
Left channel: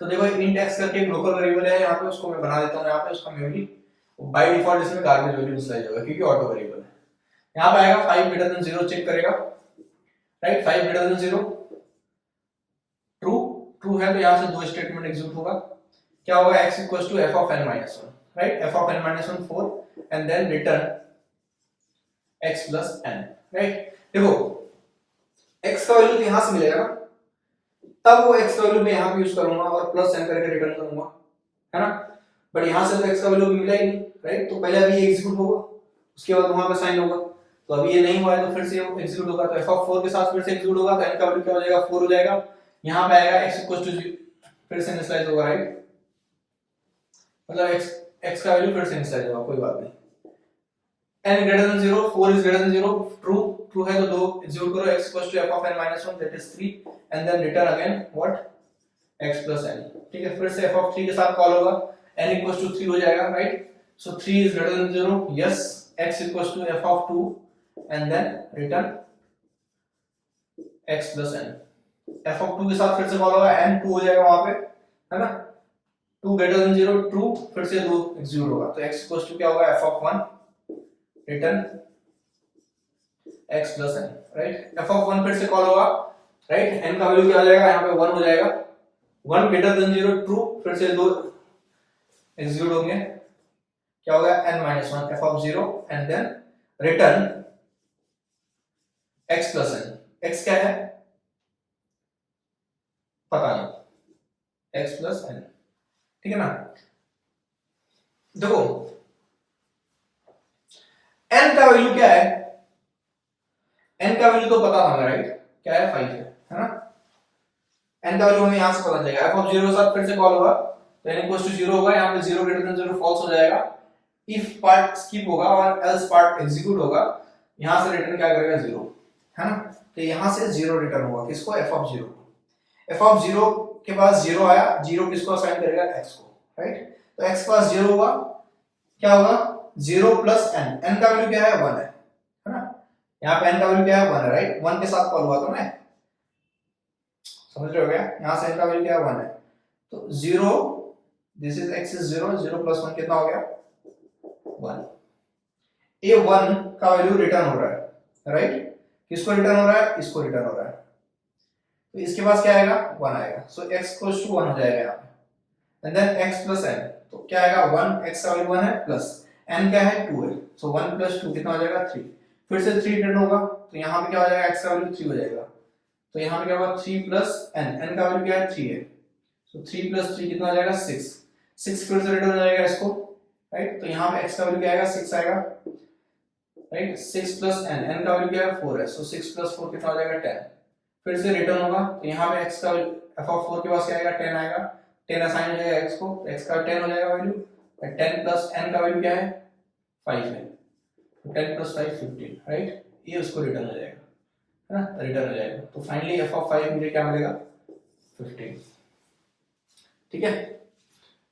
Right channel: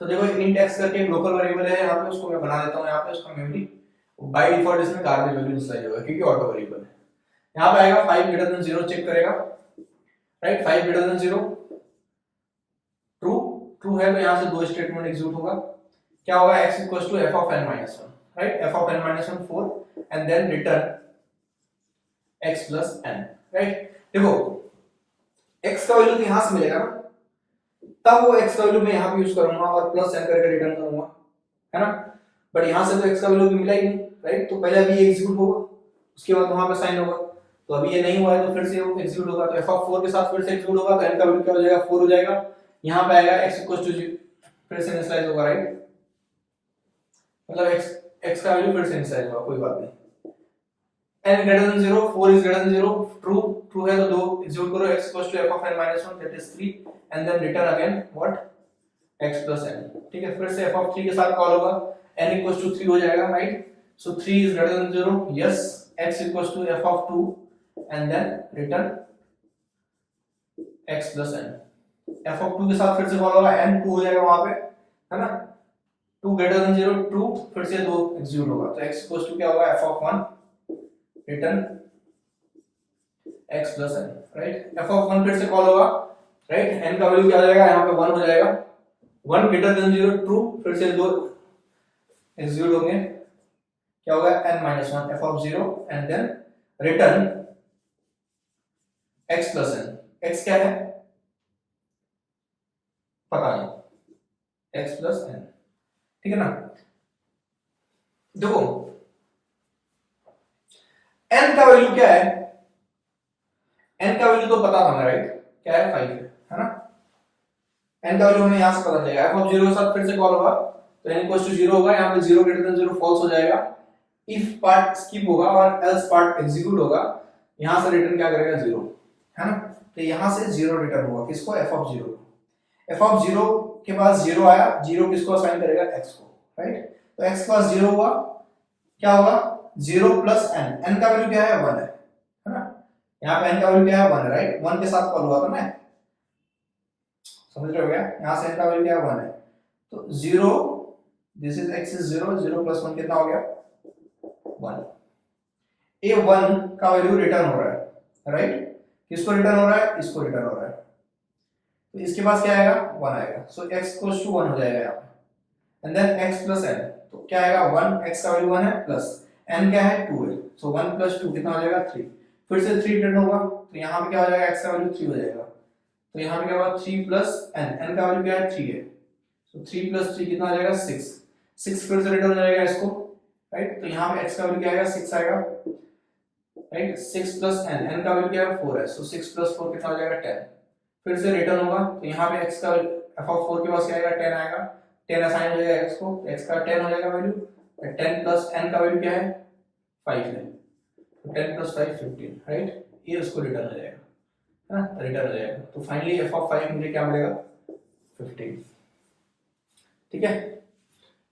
तो देखो int x करके एक लोकल वेरिएबल है यहाँ पे, उसको मैं बना देता हूँ यहाँ पे, उसका मेमोरी बाय डिफॉल्ट इसमें गार्बेज वैल्यू डिस्प्ले होगा क्योंकि ऑटो वेरिएबल है। यहाँ पे आएगा 5 > 0 चेक करेगा, राइट, 5 > 0 ट्रू है, तो यहाँ से दो स्टेटमेंट एग्जीक्यूट होगा, क्या होगा x = f of n - 1, right, f of n - 1 4 and then return x + n, right. देखो x का वैल्यू यहां से मिलेगा ना, तब वो x का वैल्यू मैं यहां पे यूज करूंगा और प्लस n करके रिटर्न करूंगा, है ना, बट यहां से तो x का वैल्यू भी मिला ही नहीं, राइट, तो पहले अभी ये एग्जीक्यूट होगा, उसके बाद वहां पे साइन होगा, तो अभी ये नहीं हुआ है तो फिर से वो एग्जीक्यूट होगा, तो f of 4 के साथ फिर से एग्जीक्यूट होगा, तो n का वैल्यू क्या हो जाएगा 4 हो जाएगा, यहां पे आएगा x = 0, फिर से इनिशियलाइज होगा, राइट, मतलब x का वैल्यू फिर से इनिशियलाइज होगा, कोई बात नहीं, n > 0 4 > 0 ट्रू है तो दो एग्जीक्यूट करो, x = f of n - 1 that is 3 and then return again what x + n, ठीक है, फिर से f of 3 के साथ कॉल होगा, n = 3 हो जाएगा, right, so 3 > 0, yes, x = f of 2 and then return x + n, f of 2 के साथ फिर से कॉल होगा, n 2 हो जाएगा वहां पे, है ना, 2 > 0 ट्रू, फिर से दो एग्जीक्यूट होगा, तो x = क्या होगा f of 1 return x + n, right, f of 1 फिर से कॉल होगा, राइट, n का वैल्यू क्या हो जाएगा यहाँ पे 1 हो जाएगा, 1 > 0 ट्रू, फिर से दो एग्जीक्यूट होंगे, क्या होगा n - 1 f of 0 and then return x + n, x क्या है पता नहीं, x + n, ठीक है ना। देखो n का वैल्यू क्या है, n का वैल्यू तो पता था, राइट, क्या है 5 है ना, n का वैल्यू हमें यहां से पता चलेगा, f of 0 के साथ फिर से कॉल होगा, तो n = 0 होगा, यहां पे 0 > 0 फॉल्स हो जाएगा, if पार्ट स्किप होगा और else पार्ट एग्जीक्यूट होगा, यहां से रिटर्न क्या करेगा 0, है ना। तो यहां से 0 रिटर्न होगा किसको, एफ ऑफ 0। एफ ऑफ 0 के पास 0 आया, 0 किसको असाइन करेगा, x को, राइट। तो x के पास 0 होगा, क्या होगा 0 प्लस n, n का वैल्यू क्या है 1 है ना। यहाँ पे n का वैल्यू क्या है 1 है, राइट। 1 के साथ कॉल हुआ था ना, समझ रहे हो क्या, यहाँ से n का वैल्यू क्या है 1 है। तो 0, this is x is 0, 0 plus 1 कितना हो गया 1। ये 1 का वैल्यू रिटर्न हो रहा है, राइट। किसको रिटर्न हो रहा है, इसको रिटर्न हो रहा है। तो इसके पास क्या आएगा 1 आएगा, सो x इक्वल्स टू 1 हो जाएगा यहाँ पे। And then x plus n, तो क्या आएगा 1, x का वैल्यू 1 है, प्लस n क्या है 2 है, सो 1 प्लस 2 कितना हो जाएगा 3। फिर से 3 रिटर्न होगा, तो यहाँ पे क्या हो जाएगा, x का वैल्यू 3 हो जाएगा। तो यहाँ पे क्या होगा 3 प्लस n, n का वैल्यू क्या है 3 है, सो 3 प्लस 3 कितना हो जाएगा 6, 6 फिर से रिटर्न हो जाएगा इसको, राइट। तो यहाँ पे x का वैल्यू क्या आएगा 6 आएगा, राइट। 6 प्लस n, n का वैल्यू क्या है 4 है, सो 6 प्लस 4 कितना हो जाएगा 10। फिर से रिटर्न होगा, तो यहाँ पे x का f ऑफ 4 के पास क्या आएगा 10 आएगा, 10 असाइन हो जाएगा x को, x का 10 हो जाएगा वैल्यू, 10 प्लस n का वैल्यू क्या है 5 है, तो 10 प्लस 5 15, राइट। ये उसको रिटर्न हो जाएगा, है ना, रिटर्न हो जाएगा। तो फाइनली f ऑफ 5 मुझे क्या मिलेगा 15, ठीक है,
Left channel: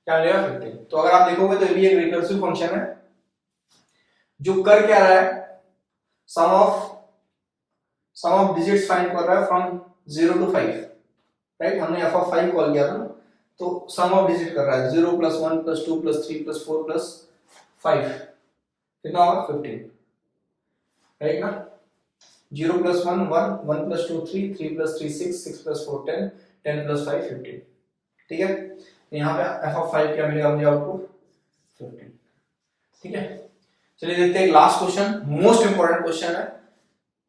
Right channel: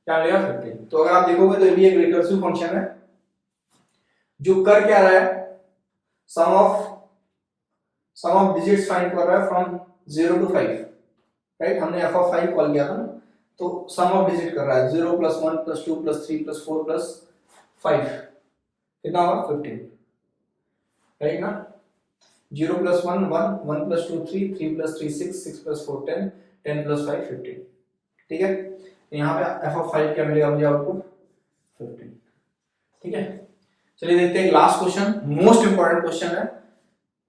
क्या मिलेगा 15। तो अगर आप देखोगे तो ये भी एक रिकर्सिव फंक्शन है जो कर क्या रहा है, सम ऑफ डिजिट्स फाइंड कर रहा है फ्रॉम 0 to 5, राइट। हमने f ऑफ 5 कॉल किया था ना, तो सम ऑफ डिजिट कर रहा है 0 plus 1 plus 2 plus 3 plus 4 plus 5, कितना होगा 15, राइट ना। 0 plus 1 1, 1 plus 2 3, 3 plus 3 6, 6 plus 4 10, 10 plus 5 15, ठीक है। तो यहाँ पे f ऑफ 5 क्या मिलेगा मुझे आउटपुट 15, ठीक है। चलिए देखते हैं last question, most important question है,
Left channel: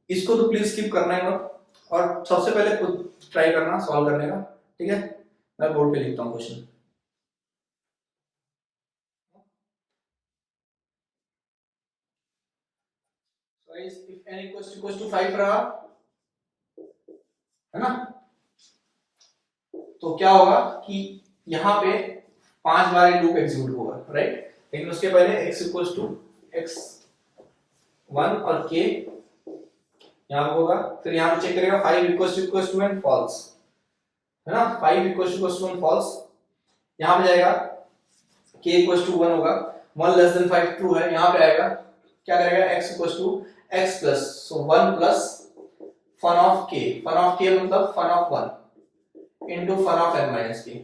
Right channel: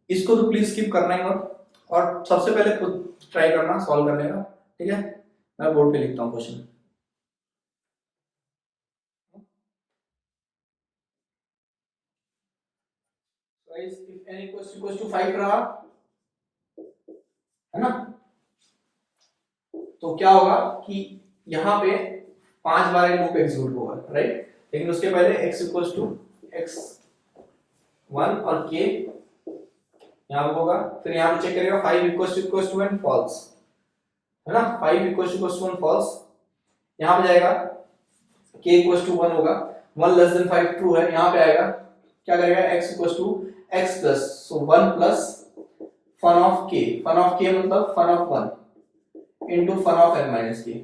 इसको तो प्लीज स्किप करना ही मत, और सबसे पहले खुद ट्राई करना सॉल्व करने का, ठीक है। मैं बोर्ड पे लिखता हूँ question. Guys if n equals to 5 रहा, है ना, तो क्या होगा कि यहाँ पे 5 बार ये लूप एग्जीक्यूट होगा, राइट। लेकिन उसके पहले x इक्वल्स टू x1 और k यहाँ होगा, फिर यहाँ पे चेक करेगा 5 इक्वल्स टू एन फॉल्स, है ना, 5 इक्वल्स टू 1 फॉल्स। यहाँ पे जाएगा k इक्वल्स टू 1 होगा, 1 लेस देन 5 ट्रू है, यहाँ पे आएगा क्या करेगा x equals to x plus, so 1 plus fun of k, fun of k मतलब fun of 1 into fun of n minus k,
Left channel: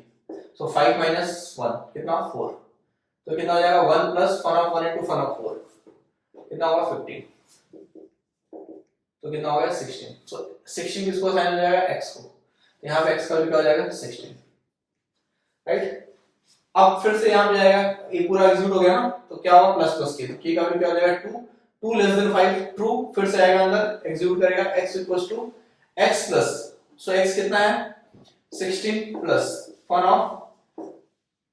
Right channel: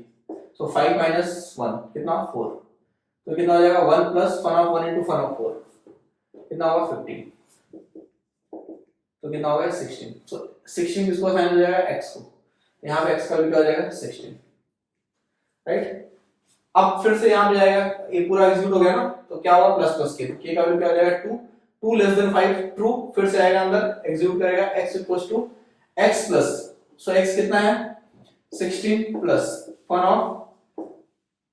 so 5 minus 1 कितना 4, तो कितना हो जाएगा 1 plus fun of 1 into fun of 4, कितना होगा 15, तो कितना हो गया 16। सो 16 किसको असाइन हो जाएगा x को, यहाँ पे x का वैल्यू क्या हो जाएगा 16, राइट। अब फिर से यहाँ पे जाएगा, ये पूरा एग्जीक्यूट हो गया ना, तो क्या होगा प्लस प्लस के, k का वैल्यू क्या हो जाएगा 2, 2 लेस देन 5 ट्रू, फिर से आएगा अंदर एग्जीक्यूट करेगा x equals to x plus, so x कितना है 16 plus fun of,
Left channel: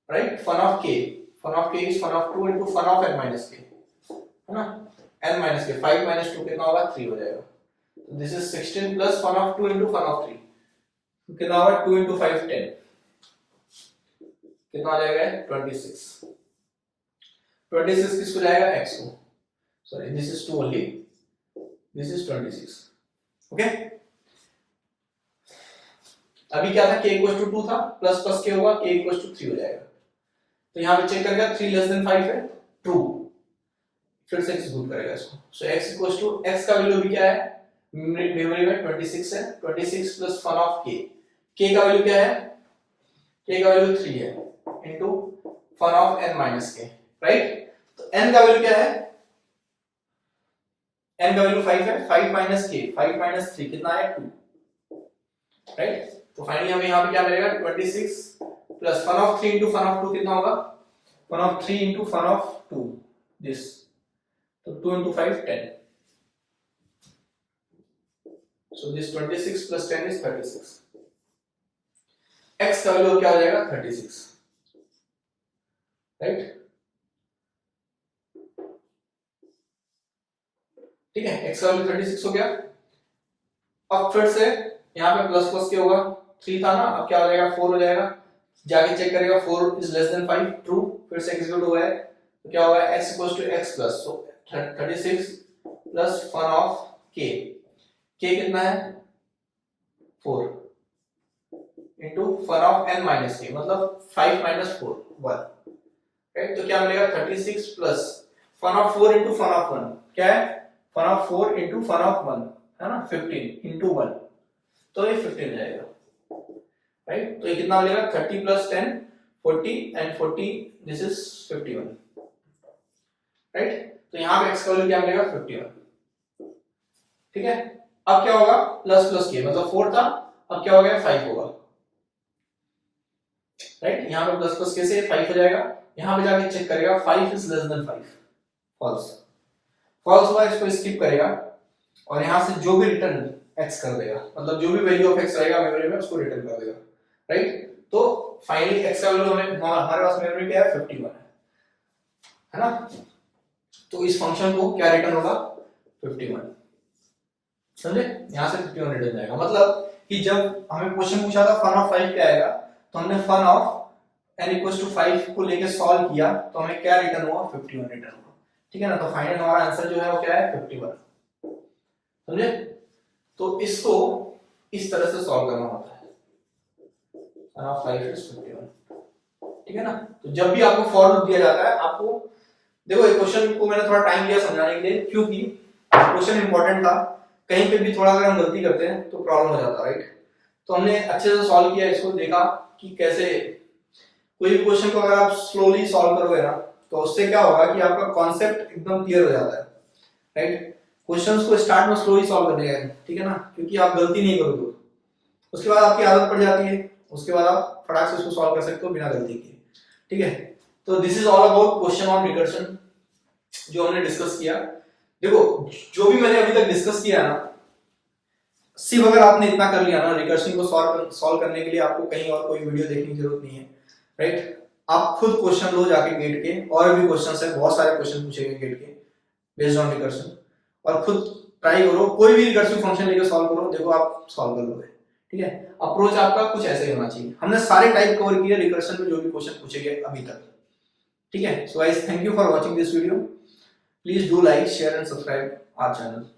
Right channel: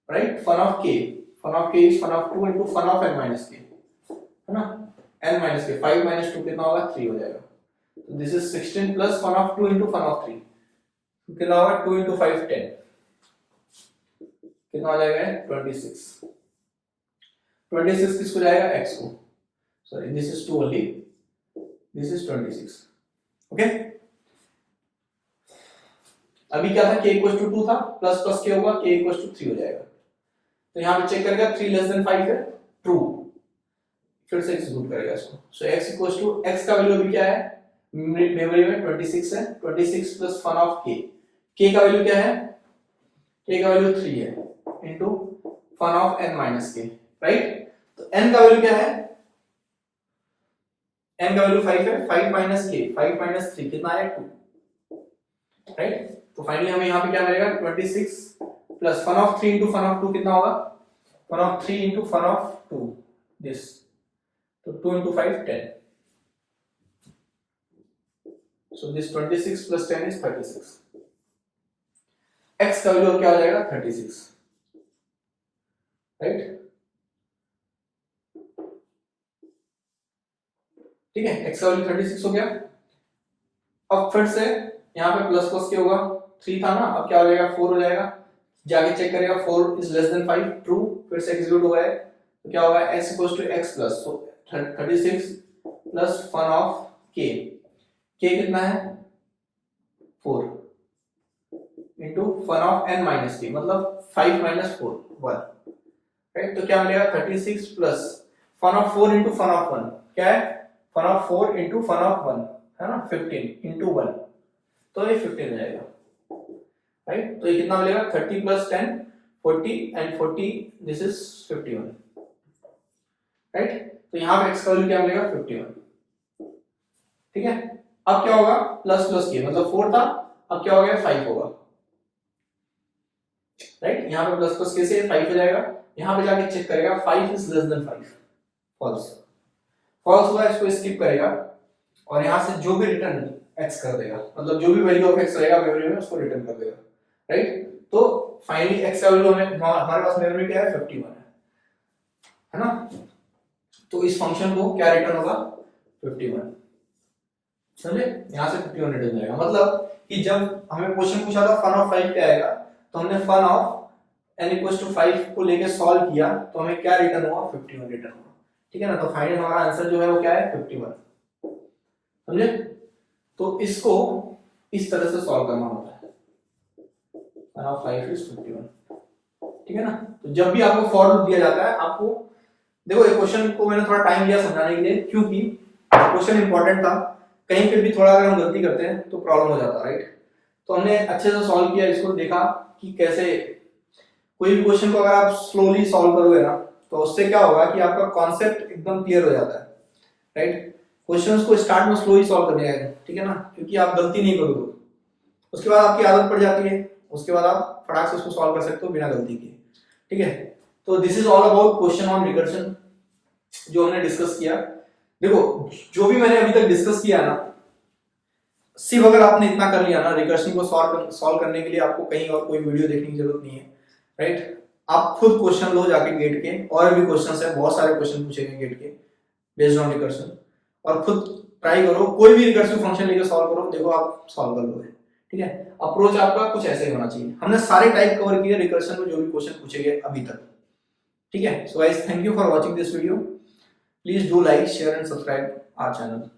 right, fun of k, fun of k is fun of 2 into fun of n minus k, है ना, n माइनस k, 5 माइनस 2 कितना होगा 3 हो जाएगा। तो this is 16 plus fun of 2 into fun of 3, कितना होगा 2 into 5 10, कितना आ जाएगा 26, 26 किसको जाएगा x को, sorry this is 2 only, this is 26, okay. अभी क्या था k इक्वल्स टू 2 था, प्लस प्लस k होगा, k इक्वल्स टू 3 हो जाएगा। तो यहां पे चेक करेगा 3 लेस देन 5 है ट्रू, फिर से एग्जीक्यूट करेगा इसको, so x equals to x का वैल्यू अभी क्या है मेमोरी में 26 है, 26 plus fun of k, k का वैल्यू क्या है, k का वैल्यू 3 है into fun of n minus k, right. तो n का वैल्यू क्या है, n का वैल्यू 5 है, 5 माइनस k, 5 माइनस 3 कितना है 2, राइट। तो फाइनली हमें यहाँ पे क्या मिलेगा 26 plus fun of 3 into fun of 2 कितना होगा, fun of 3 into fun of 2 this, तो 2 into 5 10, so this 26 plus 10 is 36, x का वैल्यू क्या हो जाएगा 36, राइट, ठीक है, x का वैल्यू 36 हो गया। अब फिर से यहाँ पे प्लस प्लस क्या होगा 3 था ना, अब क्या हो जाएगा 4 हो जाएगा, जाके चेक करेगा 4 इज लेस देन 5 ट्रू, फिर से एग्जीक्यूट हुआ है, तो क्या होगा x equals to x plus, so 36 plus fun of K, K कितना है 4 into fun of n minus K, मतलब 5 माइनस 4 1, राइट। तो क्या मिलेगा 36 plus fun of 4 into fun of 1, क्या है fun of 4 into fun of 1 है ना, 15 इंटू 1, तो ये 15 हो जाएगा, राइट। तो ये कितना मिलेगा 30 plus 10 40 and 40 this is 51, right. तो यहाँ पे x का वैल्यू क्या मिलेगा 51, ठीक है। अब क्या होगा प्लस प्लस के, मतलब 4 था, अब क्या हो गया 5 होगा, राइट। यहाँ पे प्लस प्लस के से 5 हो जाएगा, यहाँ पे जाके चेक करेगा 5 is less than 5, false, false हुआ, इसको स्किप करेगा और यहाँ से जो भी रिटर्न x कर देगा, मतलब जो भी वैल्यू ऑफ x रहेगा मेमोरी में उसको रिटर्न कर देगा, राइट। तो फाइनली x का वैल्यू हमारे पास मेमोरी क्या है 51 है ना। तो इस फंक्शन को क्या रिटर्न होगा 51, समझे, यहाँ से 51 रिटर्न जाएगा। मतलब कि जब हमें क्वेश्चन पूछा था फन ऑफ 5 क्या आएगा, तो हमने fun of n equals to 5 को लेके सॉल्व किया, तो हमें क्या रिटर्न हुआ 51 रिटर्न हुआ, ठीक है ना। तो फाइनल हमारा आंसर जो है वो क्या है 51, समझे। तो इसको इस तरह से सॉल्व करना होता है, फन ऑफ 5 इज 51, ठीक है ना। तो जब भी आपको फॉर लूप दिया जाता है, आपको देखो ये क्वेश्चन को मैंने थोड़ा टाइम लिया समझाने के लिए, क्योंकि क्वेश्चन इंपॉर्टेंट था, कहीं पे भी थोड़ा अगर हम गलती करते हैं तो प्रॉब्लम हो जाता है, राइट। तो हमने अच्छे से सॉल्व किया, इसको देखा कि कैसे कोई भी क्वेश्चन को अगर आप स्लोली सॉल्व करोगे ना, तो उससे क्या होगा कि आपका कॉन्सेप्ट एकदम क्लियर हो जाता है, राइट। क्वेश्चंस को स्टार्ट में स्लोली सॉल्व करने का, ठीक है ना, क्योंकि आप गलती नहीं करोगे, उसके बाद आपकी आदत पड़ जाती है, उसके बाद आप फटाक से उसको सॉल्व कर सकते हो बिना गलती के, ठीक है। तो this is all about question on recursion जो हमने डिस्कस किया। देखो जो भी मैंने अभी तक डिस्कस किया ना, सिर्फ अगर आपने इतना कर लिया ना, रिकर्शन को सॉल्व करने के लिए आपको कहीं और कोई वीडियो देखने की जरूरत नहीं है, राइट। आप खुद क्वेश्चन लो जाके गेट के, और भी क्वेश्चंस है, बहुत सारे क्वेश्चन पूछेंगे गेट के बेस्ड ऑन रिकर्शन, और खुद ट्राई करो, कोई भी रिकर्सिव फंक्शन लेके सॉल्व करो, देखो आप सॉल्व कर लोगे, ठीक है। अप्रोच आपका कुछ ऐसे ही होना चाहिए। हमने सारे टाइप कवर किए रिकर्शन में जो भी क्वेश्चन पूछेंगे अभी तक, ठीक है। So guys thank you for watching this video, please do like share and subscribe our channel.